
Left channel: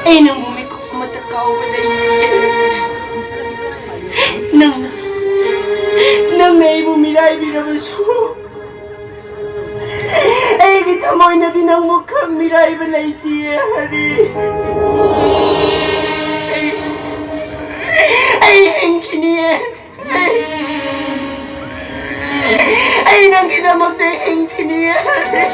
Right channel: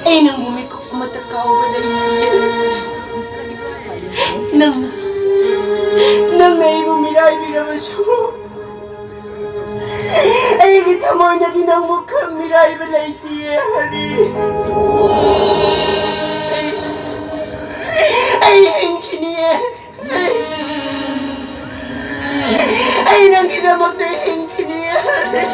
ay nang bumiko kumatakaw walay niya nang ay bumiray binabaso ay kita mo na din ang mukha miray walay tiya hari ay hinki niya ay nang kita mo hinki niya hari